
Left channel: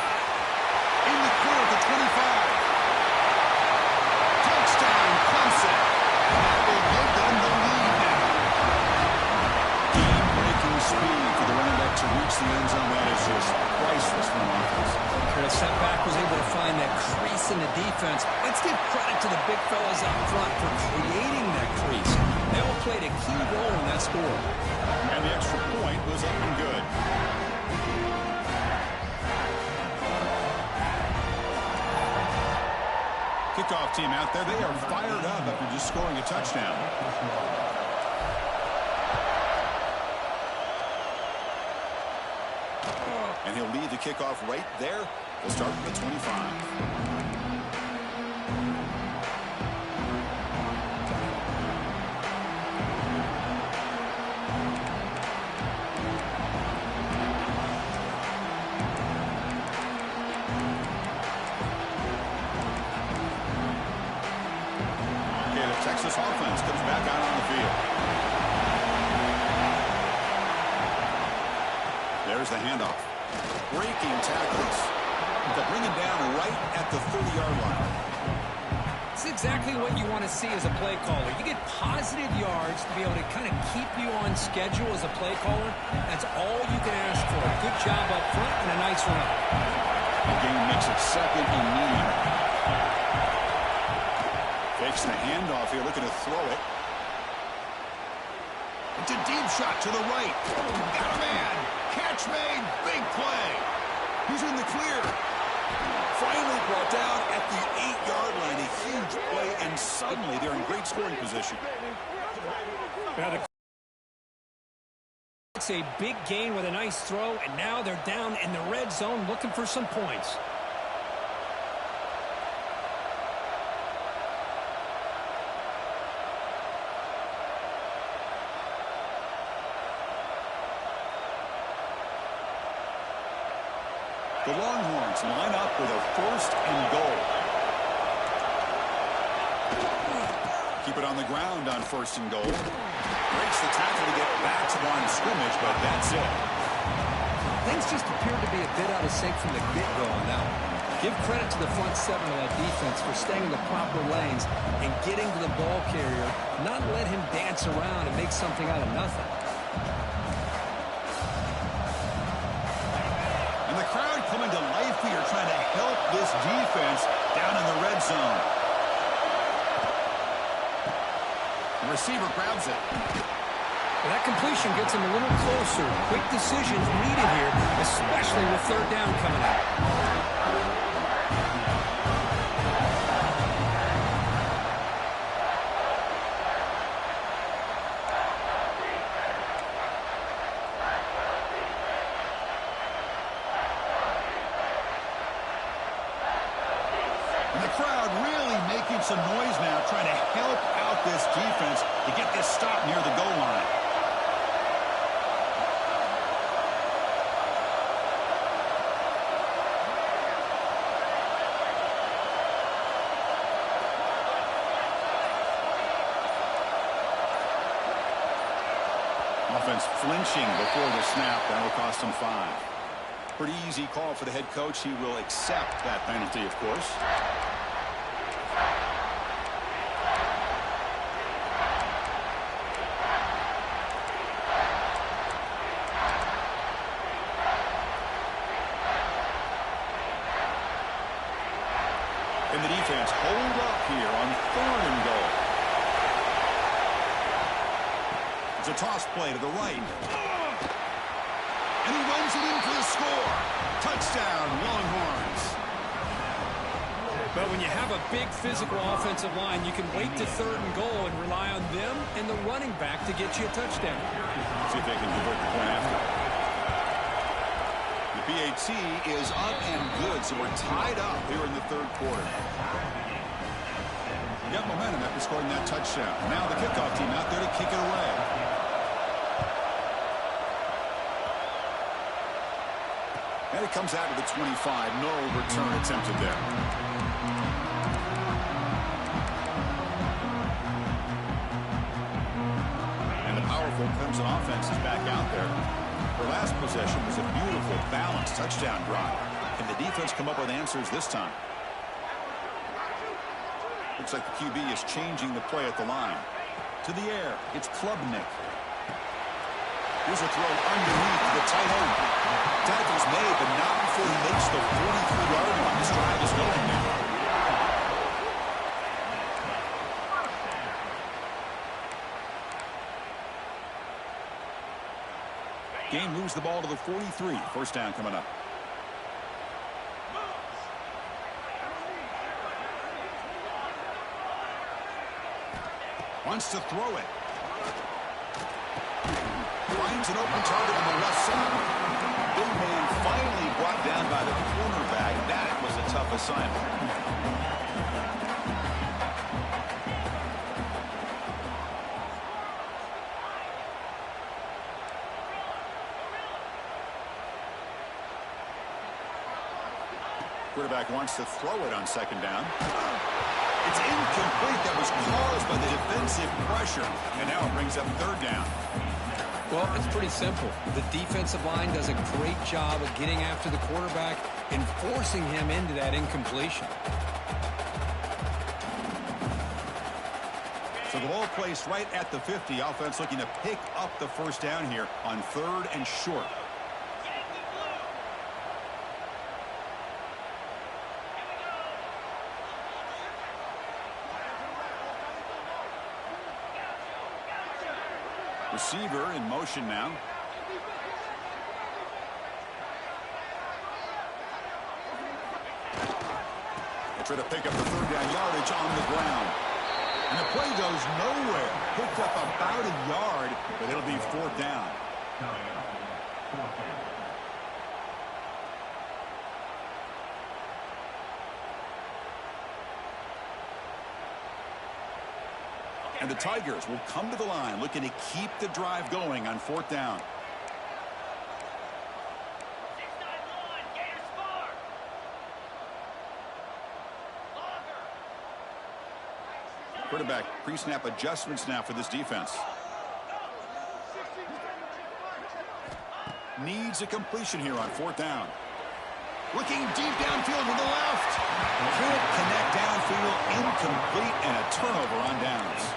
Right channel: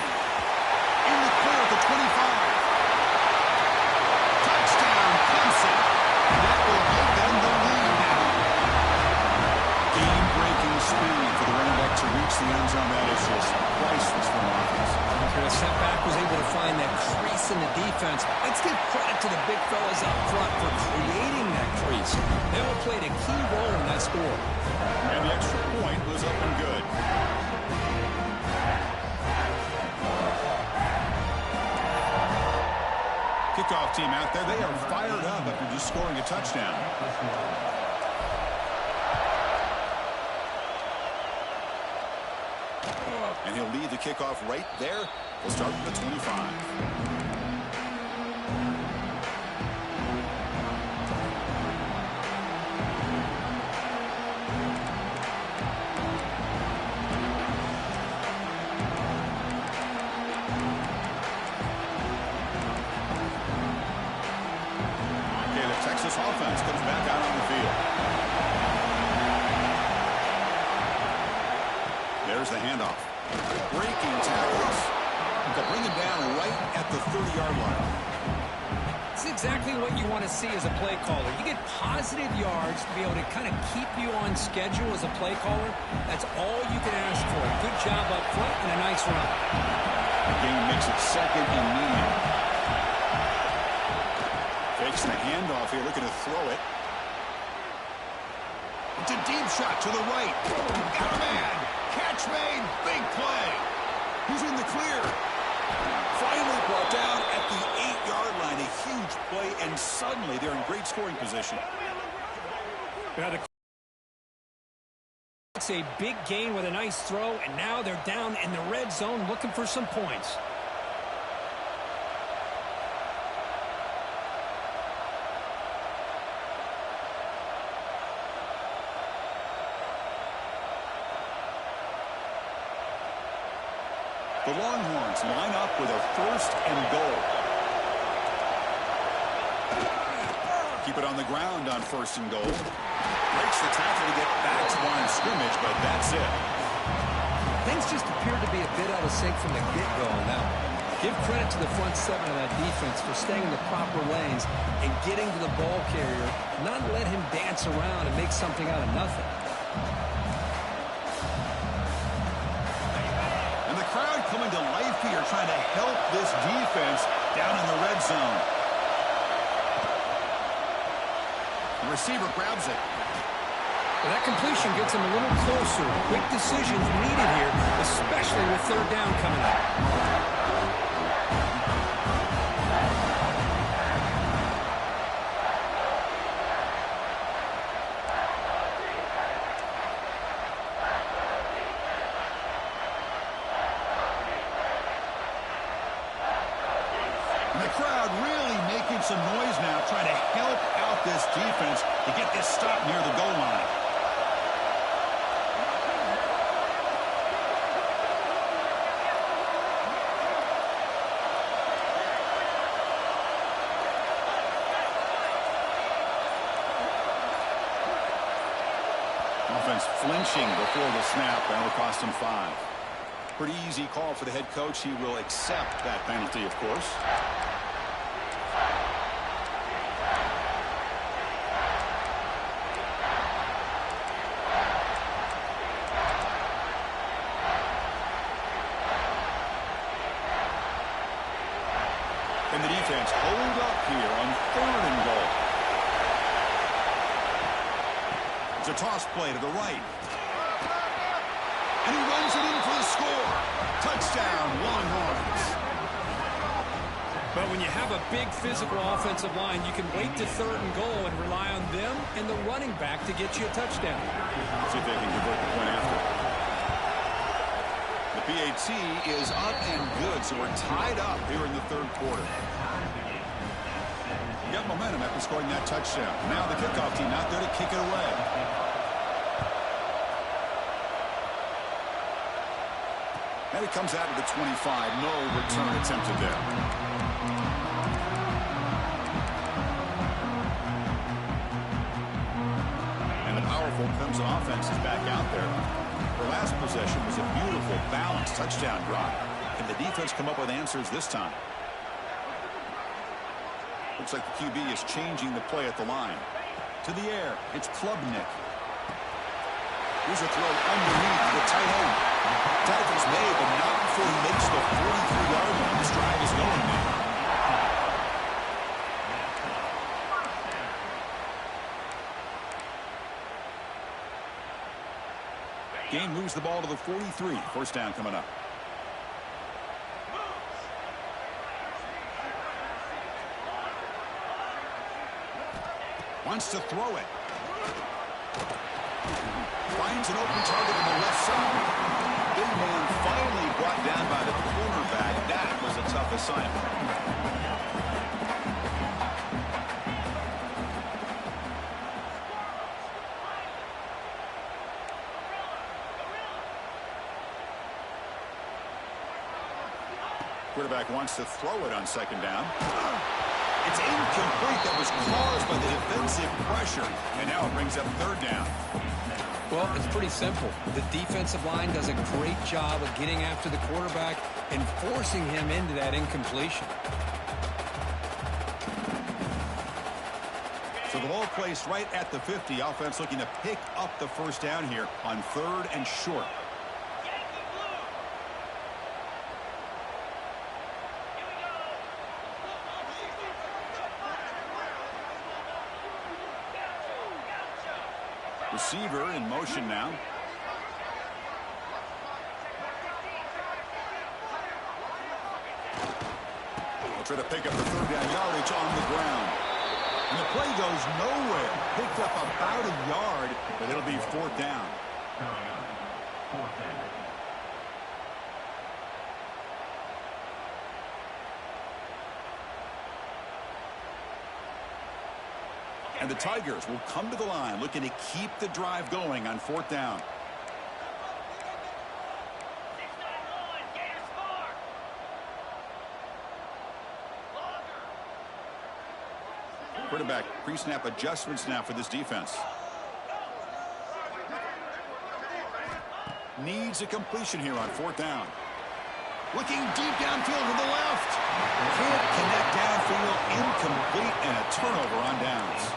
In the clear at the 25. Touchdown, Clemson. And that will give them the lead now. Game-breaking speed for the running back to reach the end zone. That is just priceless for an offense. The setback was able to find that crease in the defense. Let's give credit to the big fellas up front for creating that crease. They all played a key role in that score. And the extra point was up and good. Kickoff team out there. They are fired up after just scoring a touchdown. And he'll lead the kickoff right there. We'll start with the 25. this offense comes back out on the field. There's the handoff. Breaking tackles to bring him down right at the 30-yard line. It's exactly what you want to see as a play caller. You get positive yards to be able to kind of keep you on schedule as a play caller. That's all you can ask for. Good job up front and a nice run. The game makes it second and medium. Fakes the handoff here, looking to throw it. It's a deep shot to the right. Got a man. Catch made. Big play. He's in the clear. Finally brought down at the 8-yard line. A huge play, and suddenly they're in great scoring position. It's a big gain with a nice throw, and now they're down in the red zone looking for some points. The Longhorns line up with a 1st and goal. Keep it on the ground on 1st and goal. Breaks the tackle to get back to line of scrimmage, but that's it. Things just appeared to be a bit out of sync from the get-go on that one. Give credit to the front seven of that defense for staying in the proper lanes and getting to the ball carrier, not let him dance around and make something out of nothing. And the crowd coming to life here, trying to help this defense down in the red zone. The receiver grabs it. Well, that completion gets him a little closer. Quick decisions needed here, especially with 3rd down coming up. And the crowd really making some noise now, trying to help out this defense to get this stop near the goal line. Offense flinching before the snap. That'll cost him 5. Pretty easy call for the head coach. He will accept that penalty, of course. And the defense hold up here on 3rd and goal. It's a toss play to the right. And he runs it in for the score. Touchdown, Longhorns. But when you have a big physical offensive line, you can wait to 3rd and goal and rely on them and the running back to get you a touchdown. See if they can convert the point after. The PAT is up and good, so we're tied up here in the 3rd quarter. Got momentum after scoring that touchdown. Now the kickoff team out there to kick it away. And it comes out to the 25. No return attempted there. And the powerful Clemson offense is back out there. Her last possession was a beautiful, balanced touchdown drive. Can the defense come up with answers this time? Looks like the QB is changing the play at the line. To the air, it's Klubnik. Here's a throw underneath the tight end. Tackle's made, but not before he makes the 43-yard line. This drive is going now. Game moves the ball to the 43. 1st down coming up. Wants to throw it. Finds an open target on the left side. Big man finally brought down by the cornerback. That was a tough assignment. Quarterback wants to throw it on 2nd down. It's incomplete. That was caused by the defensive pressure. And now it brings up third down. Well, it's pretty simple. The defensive line does a great job of getting after the quarterback and forcing him into that incompletion. So the ball placed right at the 50. Offense looking to pick up the first down here on 3rd and short. Receiver in motion now. They'll try to pick up the 3rd down yardage on the ground. And the play goes nowhere. Picked up about a yard, but it'll be 4th down. And the Tigers will come to the line looking to keep the drive going on 4th down. Quarterback pre-snap adjustments now for this defense. Needs a completion here on 4th down. Looking deep downfield to the left. Can't connect downfield. Incomplete and a turnover on downs.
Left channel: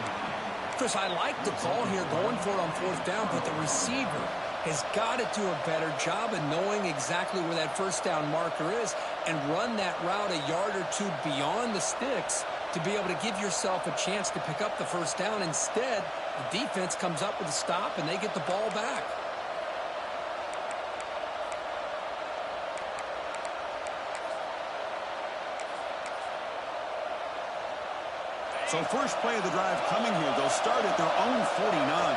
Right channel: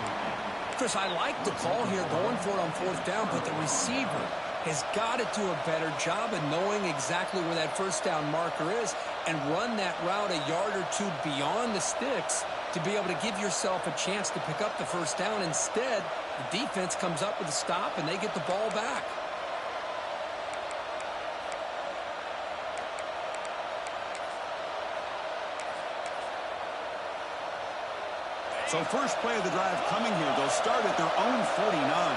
Chris, I like the call here going for it on 4th down, but the receiver has got to do a better job of knowing exactly where that first down marker is and run that route a yard or two beyond the sticks to be able to give yourself a chance to pick up the first down. Instead, the defense comes up with a stop and they get the ball back. So first play of the drive coming here. They'll start at their own 49.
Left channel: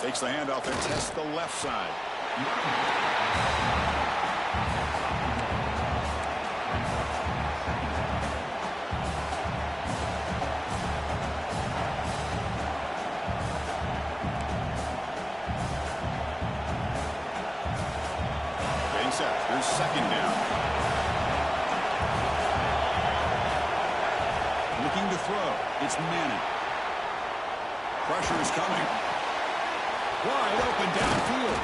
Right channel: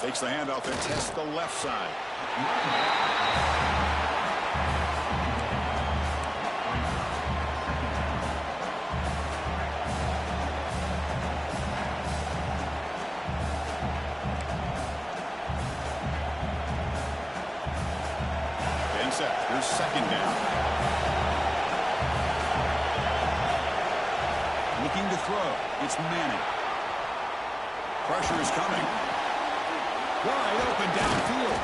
Takes the handoff and tests the left side. Getting set. Here's 2nd down. Looking to throw. It's Manning. Pressure is coming. Wide open downfield.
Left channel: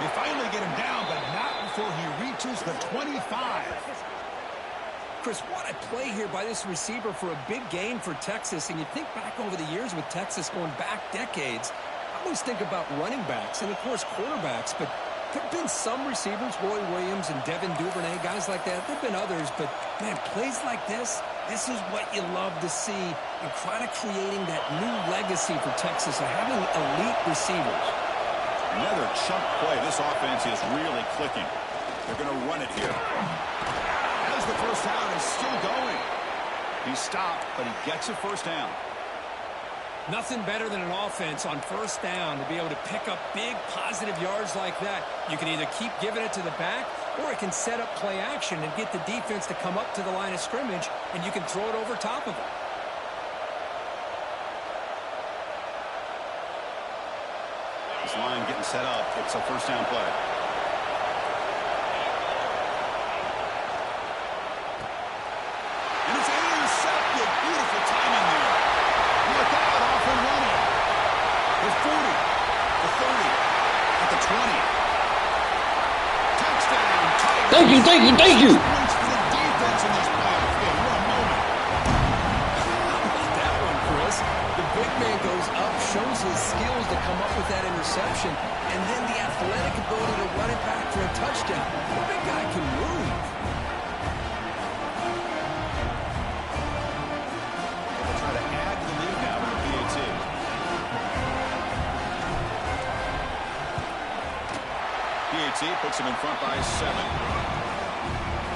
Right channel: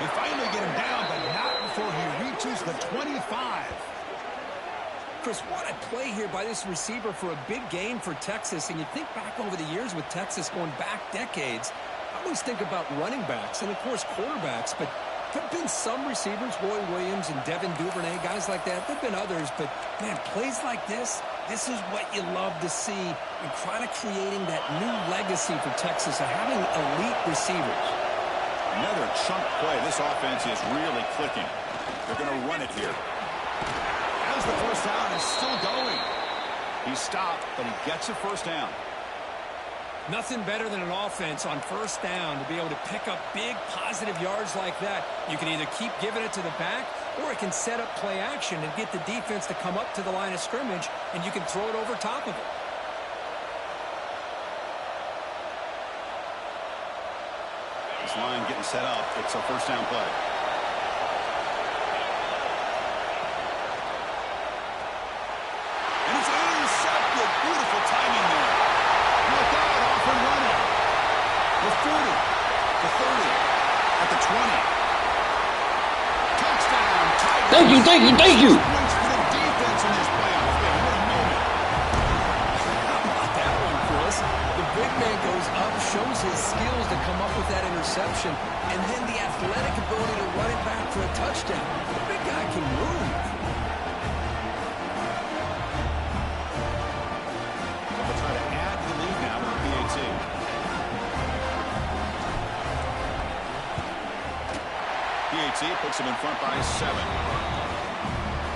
They finally get him down, but not before he reaches the 25. Chris, what a play here by this receiver for a big gain for Texas. And you think back over the years with Texas going back decades, I always think about running backs and, of course, quarterbacks. But there have been some receivers, Roy Williams and Devin Duvernay, guys like that. There have been others. But, man, plays like this is what you love to see in kind of creating that new legacy for Texas of having elite receivers. Another chunk play. This offense is really clicking. They're going to run it here. As the first down is still going. He stopped, but he gets a first down. Nothing better than an offense on first down to be able to pick up big positive yards like that. You can either keep giving it to the back, or it can set up play action and get the defense to come up to the line of scrimmage, and you can throw it over top of them. This line getting set up. It's a first down play. And it's intercepted. Beautiful timing there. Look out, off and running. The 40, the 30, at the 20. Touchdown, Tigers. Thank you. Points for the defense in this playoff game. What a moment. How about that one, Chris? The big man goes up, shows his skills to come up with that interception, and then the athletic ability to run it back for a touchdown. The big guy can move. They'll try to add to the lead now with the PAT. PAT puts him in front by 7.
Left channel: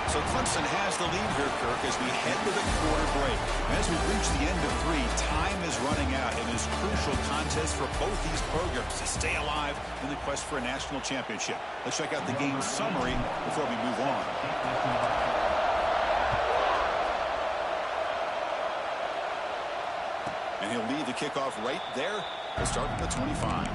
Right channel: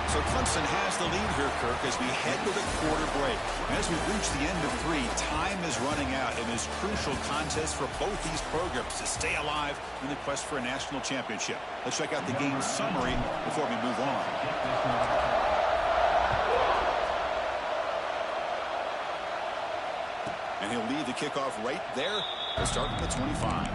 So Clemson has the lead here, Kirk, as we head to the quarter break. As we reach the end of 3, time is running out in this crucial contest for both these programs to stay alive in the quest for a national championship. Let's check out the game summary before we move on. And he'll lead the kickoff right there to start at the 25.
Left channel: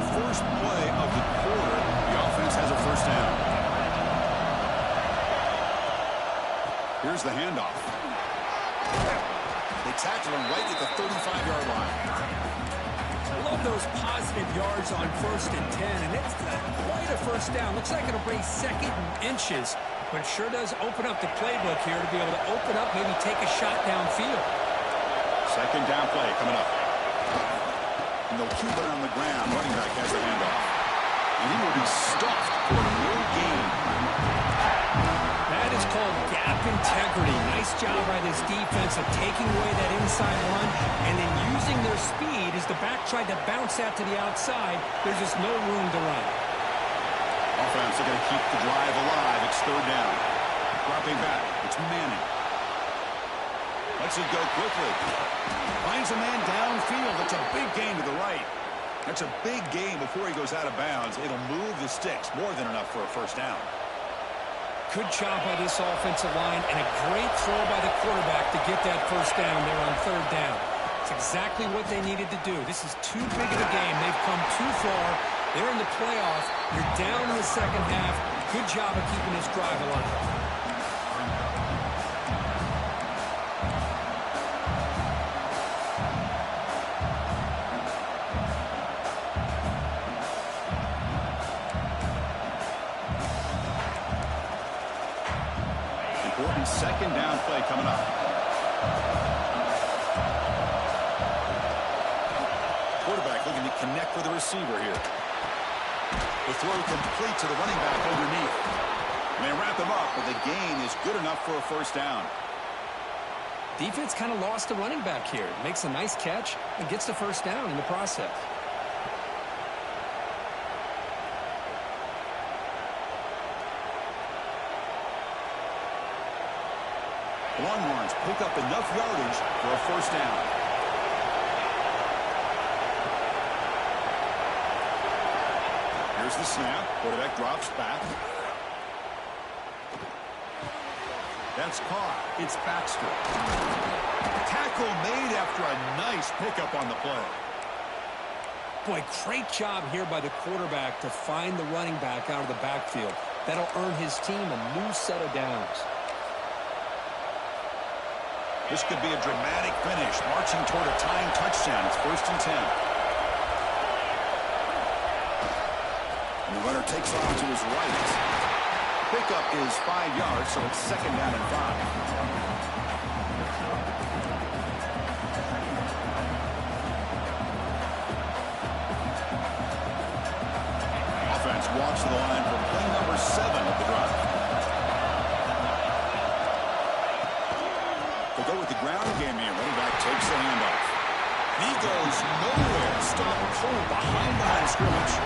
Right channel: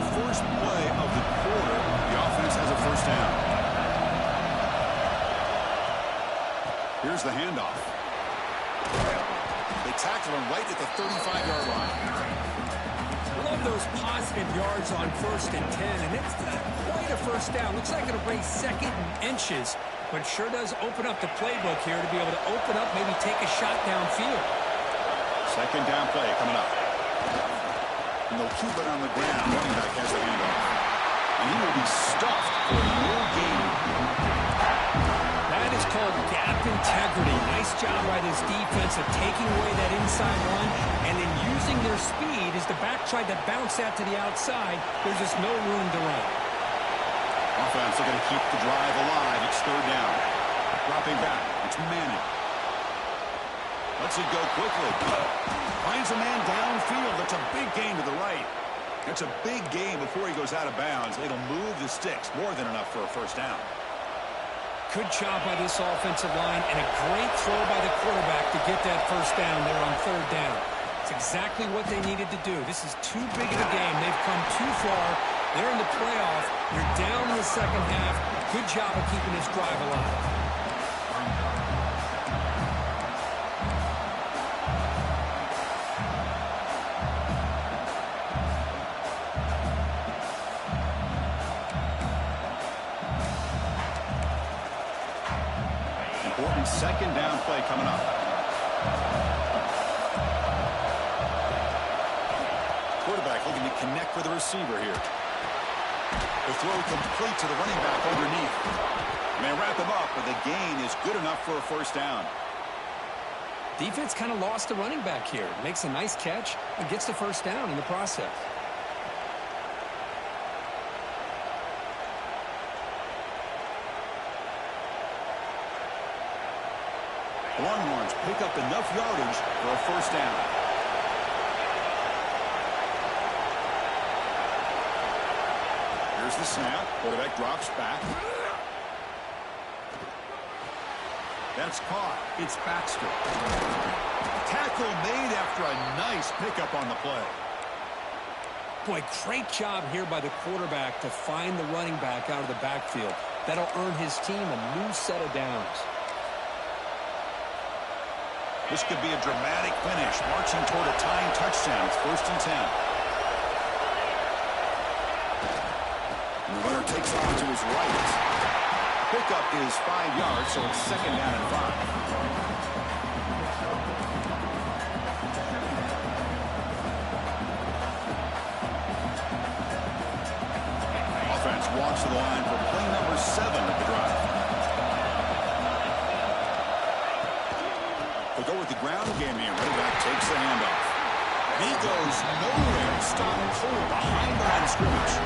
first play of the quarter. The offense has a first down. Here's the handoff. They tackle him right at the 35-yard line. Love those positive yards on 1st and 10, and it's not quite a first down. Looks like it'll bring 2nd and inches, but it sure does open up the playbook here to be able to open up, maybe take a shot downfield. 2nd down play coming up. And they'll keep it on the ground. Running back has the handoff. And he will be stuffed for no gain. That is called gap integrity. Nice job by this defense of taking away that inside run and then using their speed as the back tried to bounce that to the outside. There's just no room to run. Offense are going to keep the drive alive. It's 3rd down. Dropping back. It's Manning. Lets it go quickly. Finds a man downfield. That's a big gain to the right. That's a big gain before he goes out of bounds. It'll move the sticks. More than enough for a first down. Good job by this offensive line and a great throw by the quarterback to get that first down there on 3rd down. It's exactly what they needed to do. This is too big of a game. They've come too far. They're in the playoff. You're down in the second half. Good job of keeping this drive alive. Important 2nd down play coming up. Quarterback looking to connect with the receiver here. The throw complete to the running back underneath. And they wrap him up, but the gain is good enough for a first down. Defense kind of lost the running back here. Makes a nice catch and gets the first down in the process. Longhorns pick up enough yardage for a first down. Here's the snap. Quarterback drops back. That's caught. It's Baxter. Tackle made after a nice pickup on the play. Boy, great job here by the quarterback to find the running back out of the backfield. That'll earn his team a new set of downs. This could be a dramatic finish, marching toward a tying touchdown. It's 1st and 10. And the runner takes off to his right. Pickup is 5 yards, so it's 2nd down and 5. Offense walks to the line for play number 7 of the drive. They go with the ground game here. Running back takes the handoff. And he goes nowhere. Stop cold behind the line of scrimmage.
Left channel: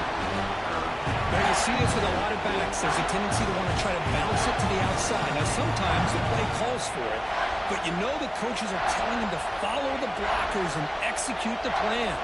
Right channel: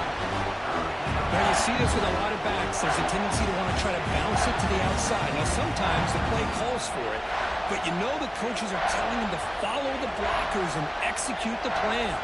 Now you see this with a lot of backs. There's a tendency to want to try to bounce it to the outside. Now sometimes the play calls for it, but you know the coaches are telling them to follow the blockers and execute the plan.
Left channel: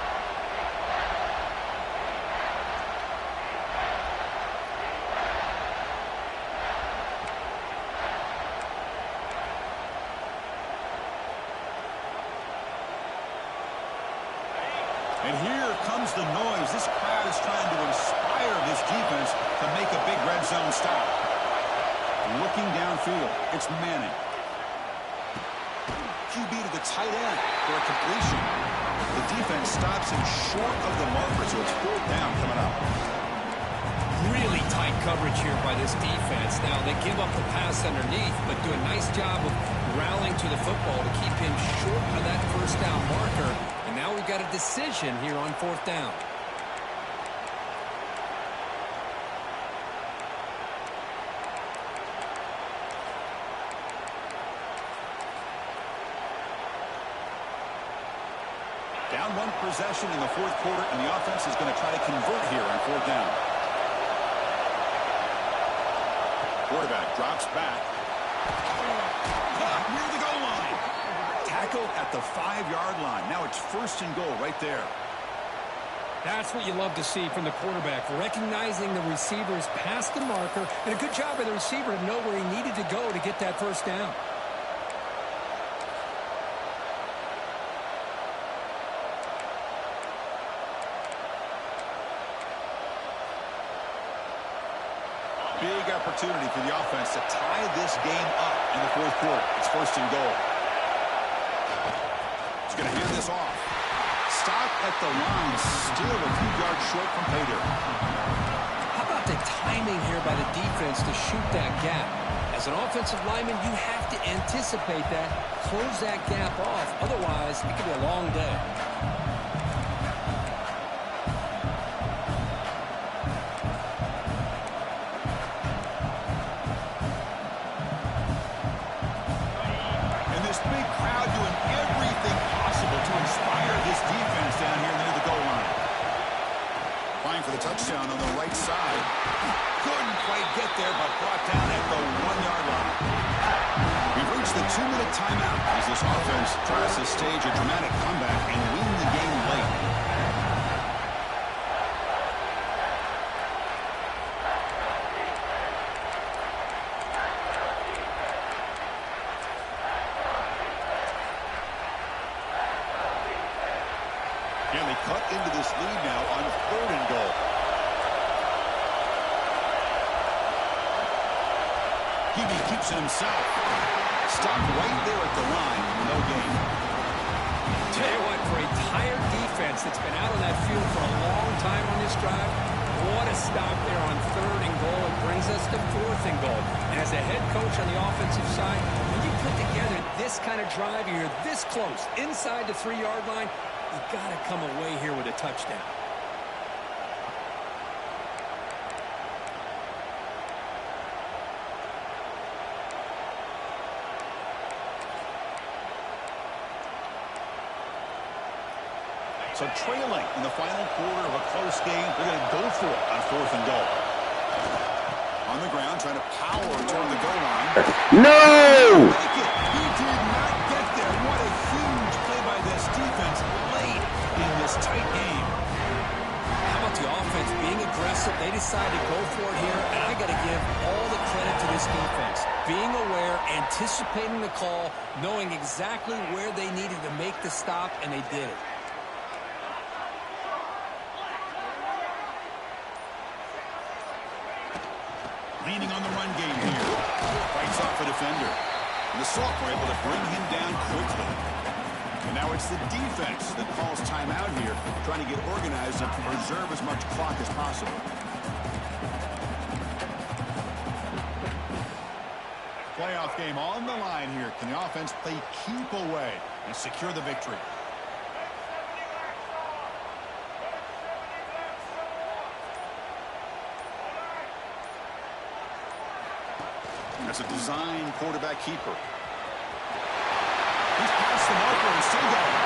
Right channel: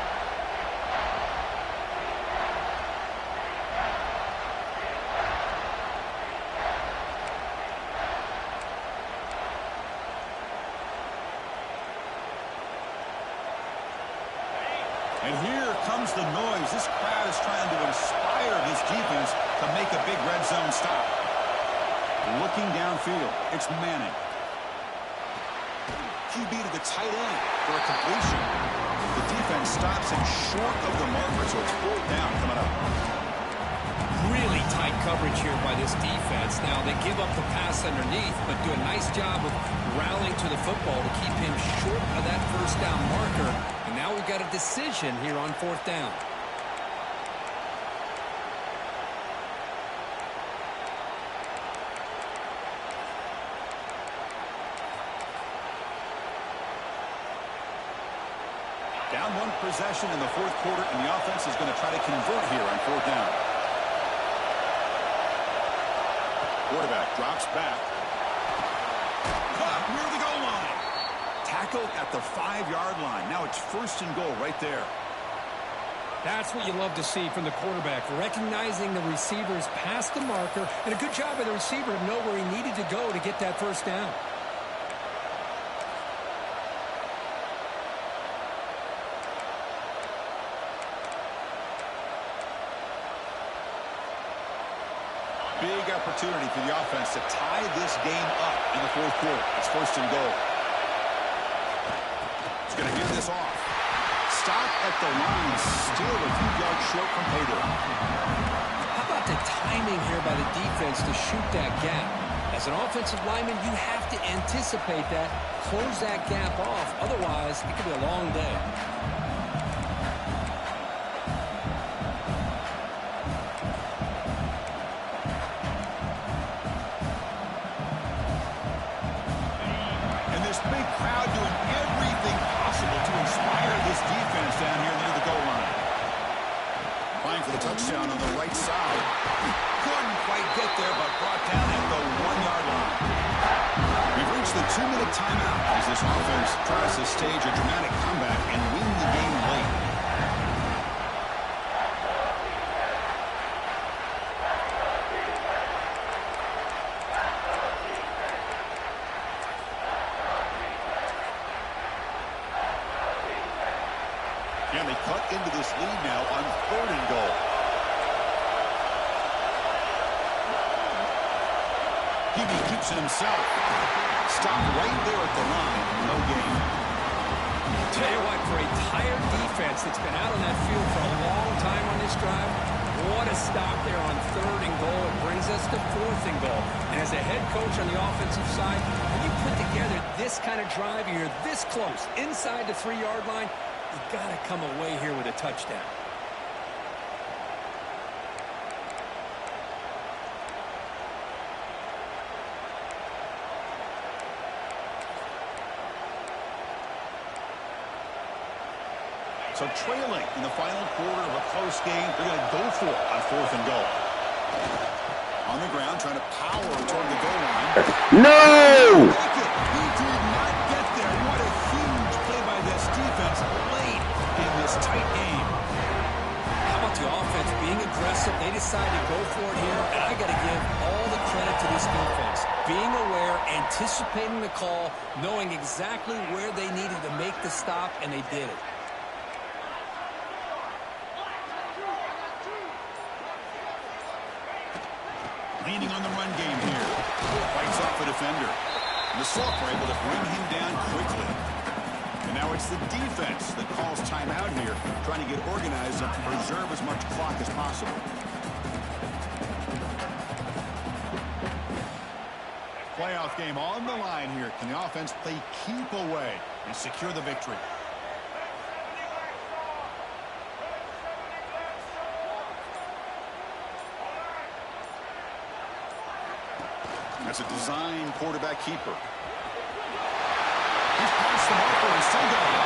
And here comes the noise. This crowd is trying to inspire this defense to make a big red zone stop. Looking downfield, it's Manning. QB to the tight end for a completion. The defense stops him short of the marker, so it's 4th down coming up. Really tight coverage here by this defense. Now, they give up the pass underneath, but do a nice job of rallying to the football to keep him short of that first down marker. And now we've got a decision here on 4th down. Down 1 possession in the 4th quarter, and the offense is going to try to convert here on 4th down. Quarterback drops back. Caught near the goal line. Tackled at the 5-yard line. Now it's 1st and goal right there. That's what you love to see from the quarterback, recognizing the receivers past the marker, and a good job by the receiver to know where he needed to go to get that first down. opportunity for the offense to tie this game up in the fourth quarter. It's first and goal. He's going to hand this off. Stop at the line, still a few yards short from pay dirt. How about the timing here by the defense to shoot that gap? As an offensive lineman, you have to anticipate that, close that gap off. Otherwise, it could be a long day. And this big crowd doing everything possible to inspire this defense down here near the goal line. Applying for the touchdown on the right side. Couldn't quite get there, but brought down at the 1-yard line. We've reached the 2-minute timeout as this offense tries to stage a dramatic comeback and win the game late. And they cut into this lead now on third and goal. Hebe keeps it himself. Stopped right there at the line. No gain. Tell you what, for a tired defense that's been out on that field for a long time on this drive, what a stop there on third and goal. It brings us to fourth and goal. And as a head coach on the offensive side, when you put together this kind of drive, you're this close, inside the 3-yard line, you got to come away here with a touchdown. So trailing in the final quarter of a close game, they're going to go for it on fourth and goal. On the ground, trying to power toward the goal line. No! Make it. He did not get there. What a huge play by this defense late in this tight game. How about the offense being aggressive? They decided to go for it here, and I got to give all the credit to this defense. Being aware, anticipating the call, knowing exactly where they needed to make the stop, and they did it. Leaning on the run game here. Fights off a defender. And the Sauk were able to bring him down quickly. And now it's the defense that calls timeout here, trying to get organized and preserve as much clock as possible. Playoff game on the line here. Can the offense play keep away and secure the victory? That's a design quarterback keeper. He's past the marker and still going.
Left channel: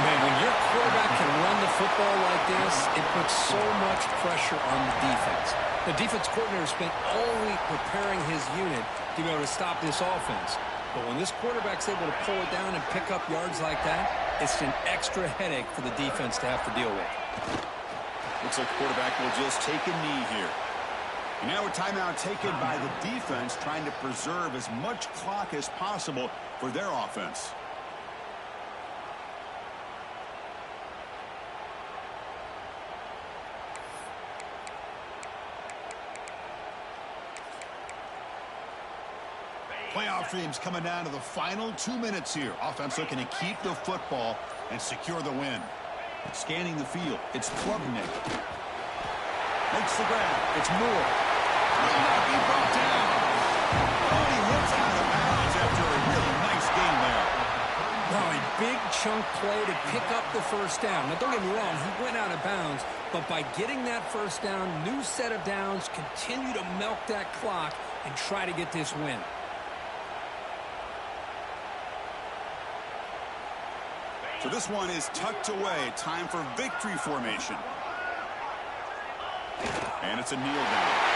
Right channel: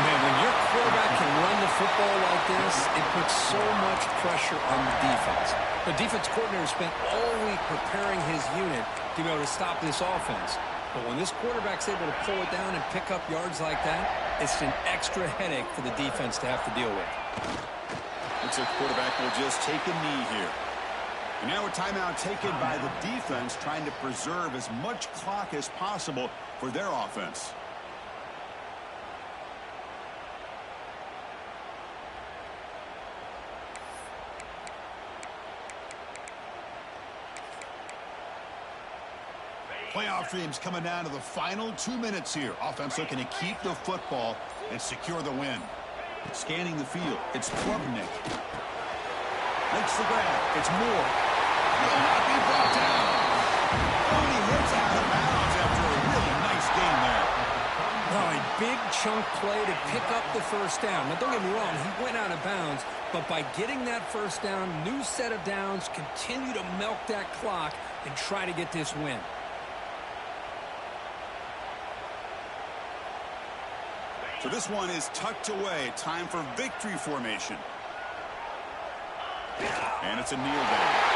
Man, when your quarterback can run the football like this, it puts so much pressure on the defense. The defense coordinator spent all week preparing his unit to be able to stop this offense. But when this quarterback's able to pull it down and pick up yards like that, it's an extra headache for the defense to have to deal with. Looks like the quarterback will just take a knee here. And now a timeout taken by the defense, trying to preserve as much clock as possible for their offense. Playoff dreams coming down to the final 2 minutes here. Offense looking to keep the football and secure the win. Scanning the field, it's Klubnik. Makes the grab, it's Moore. Will not be brought down. Oh, and he hits out of bounds after a really nice game there. Oh, a big chunk play to pick up the first down. Now, don't get me wrong, he went out of bounds, but by getting that first down, new set of downs, continue to milk that clock and try to get this win. So this one is tucked away. Time for victory formation. And it's a kneel down.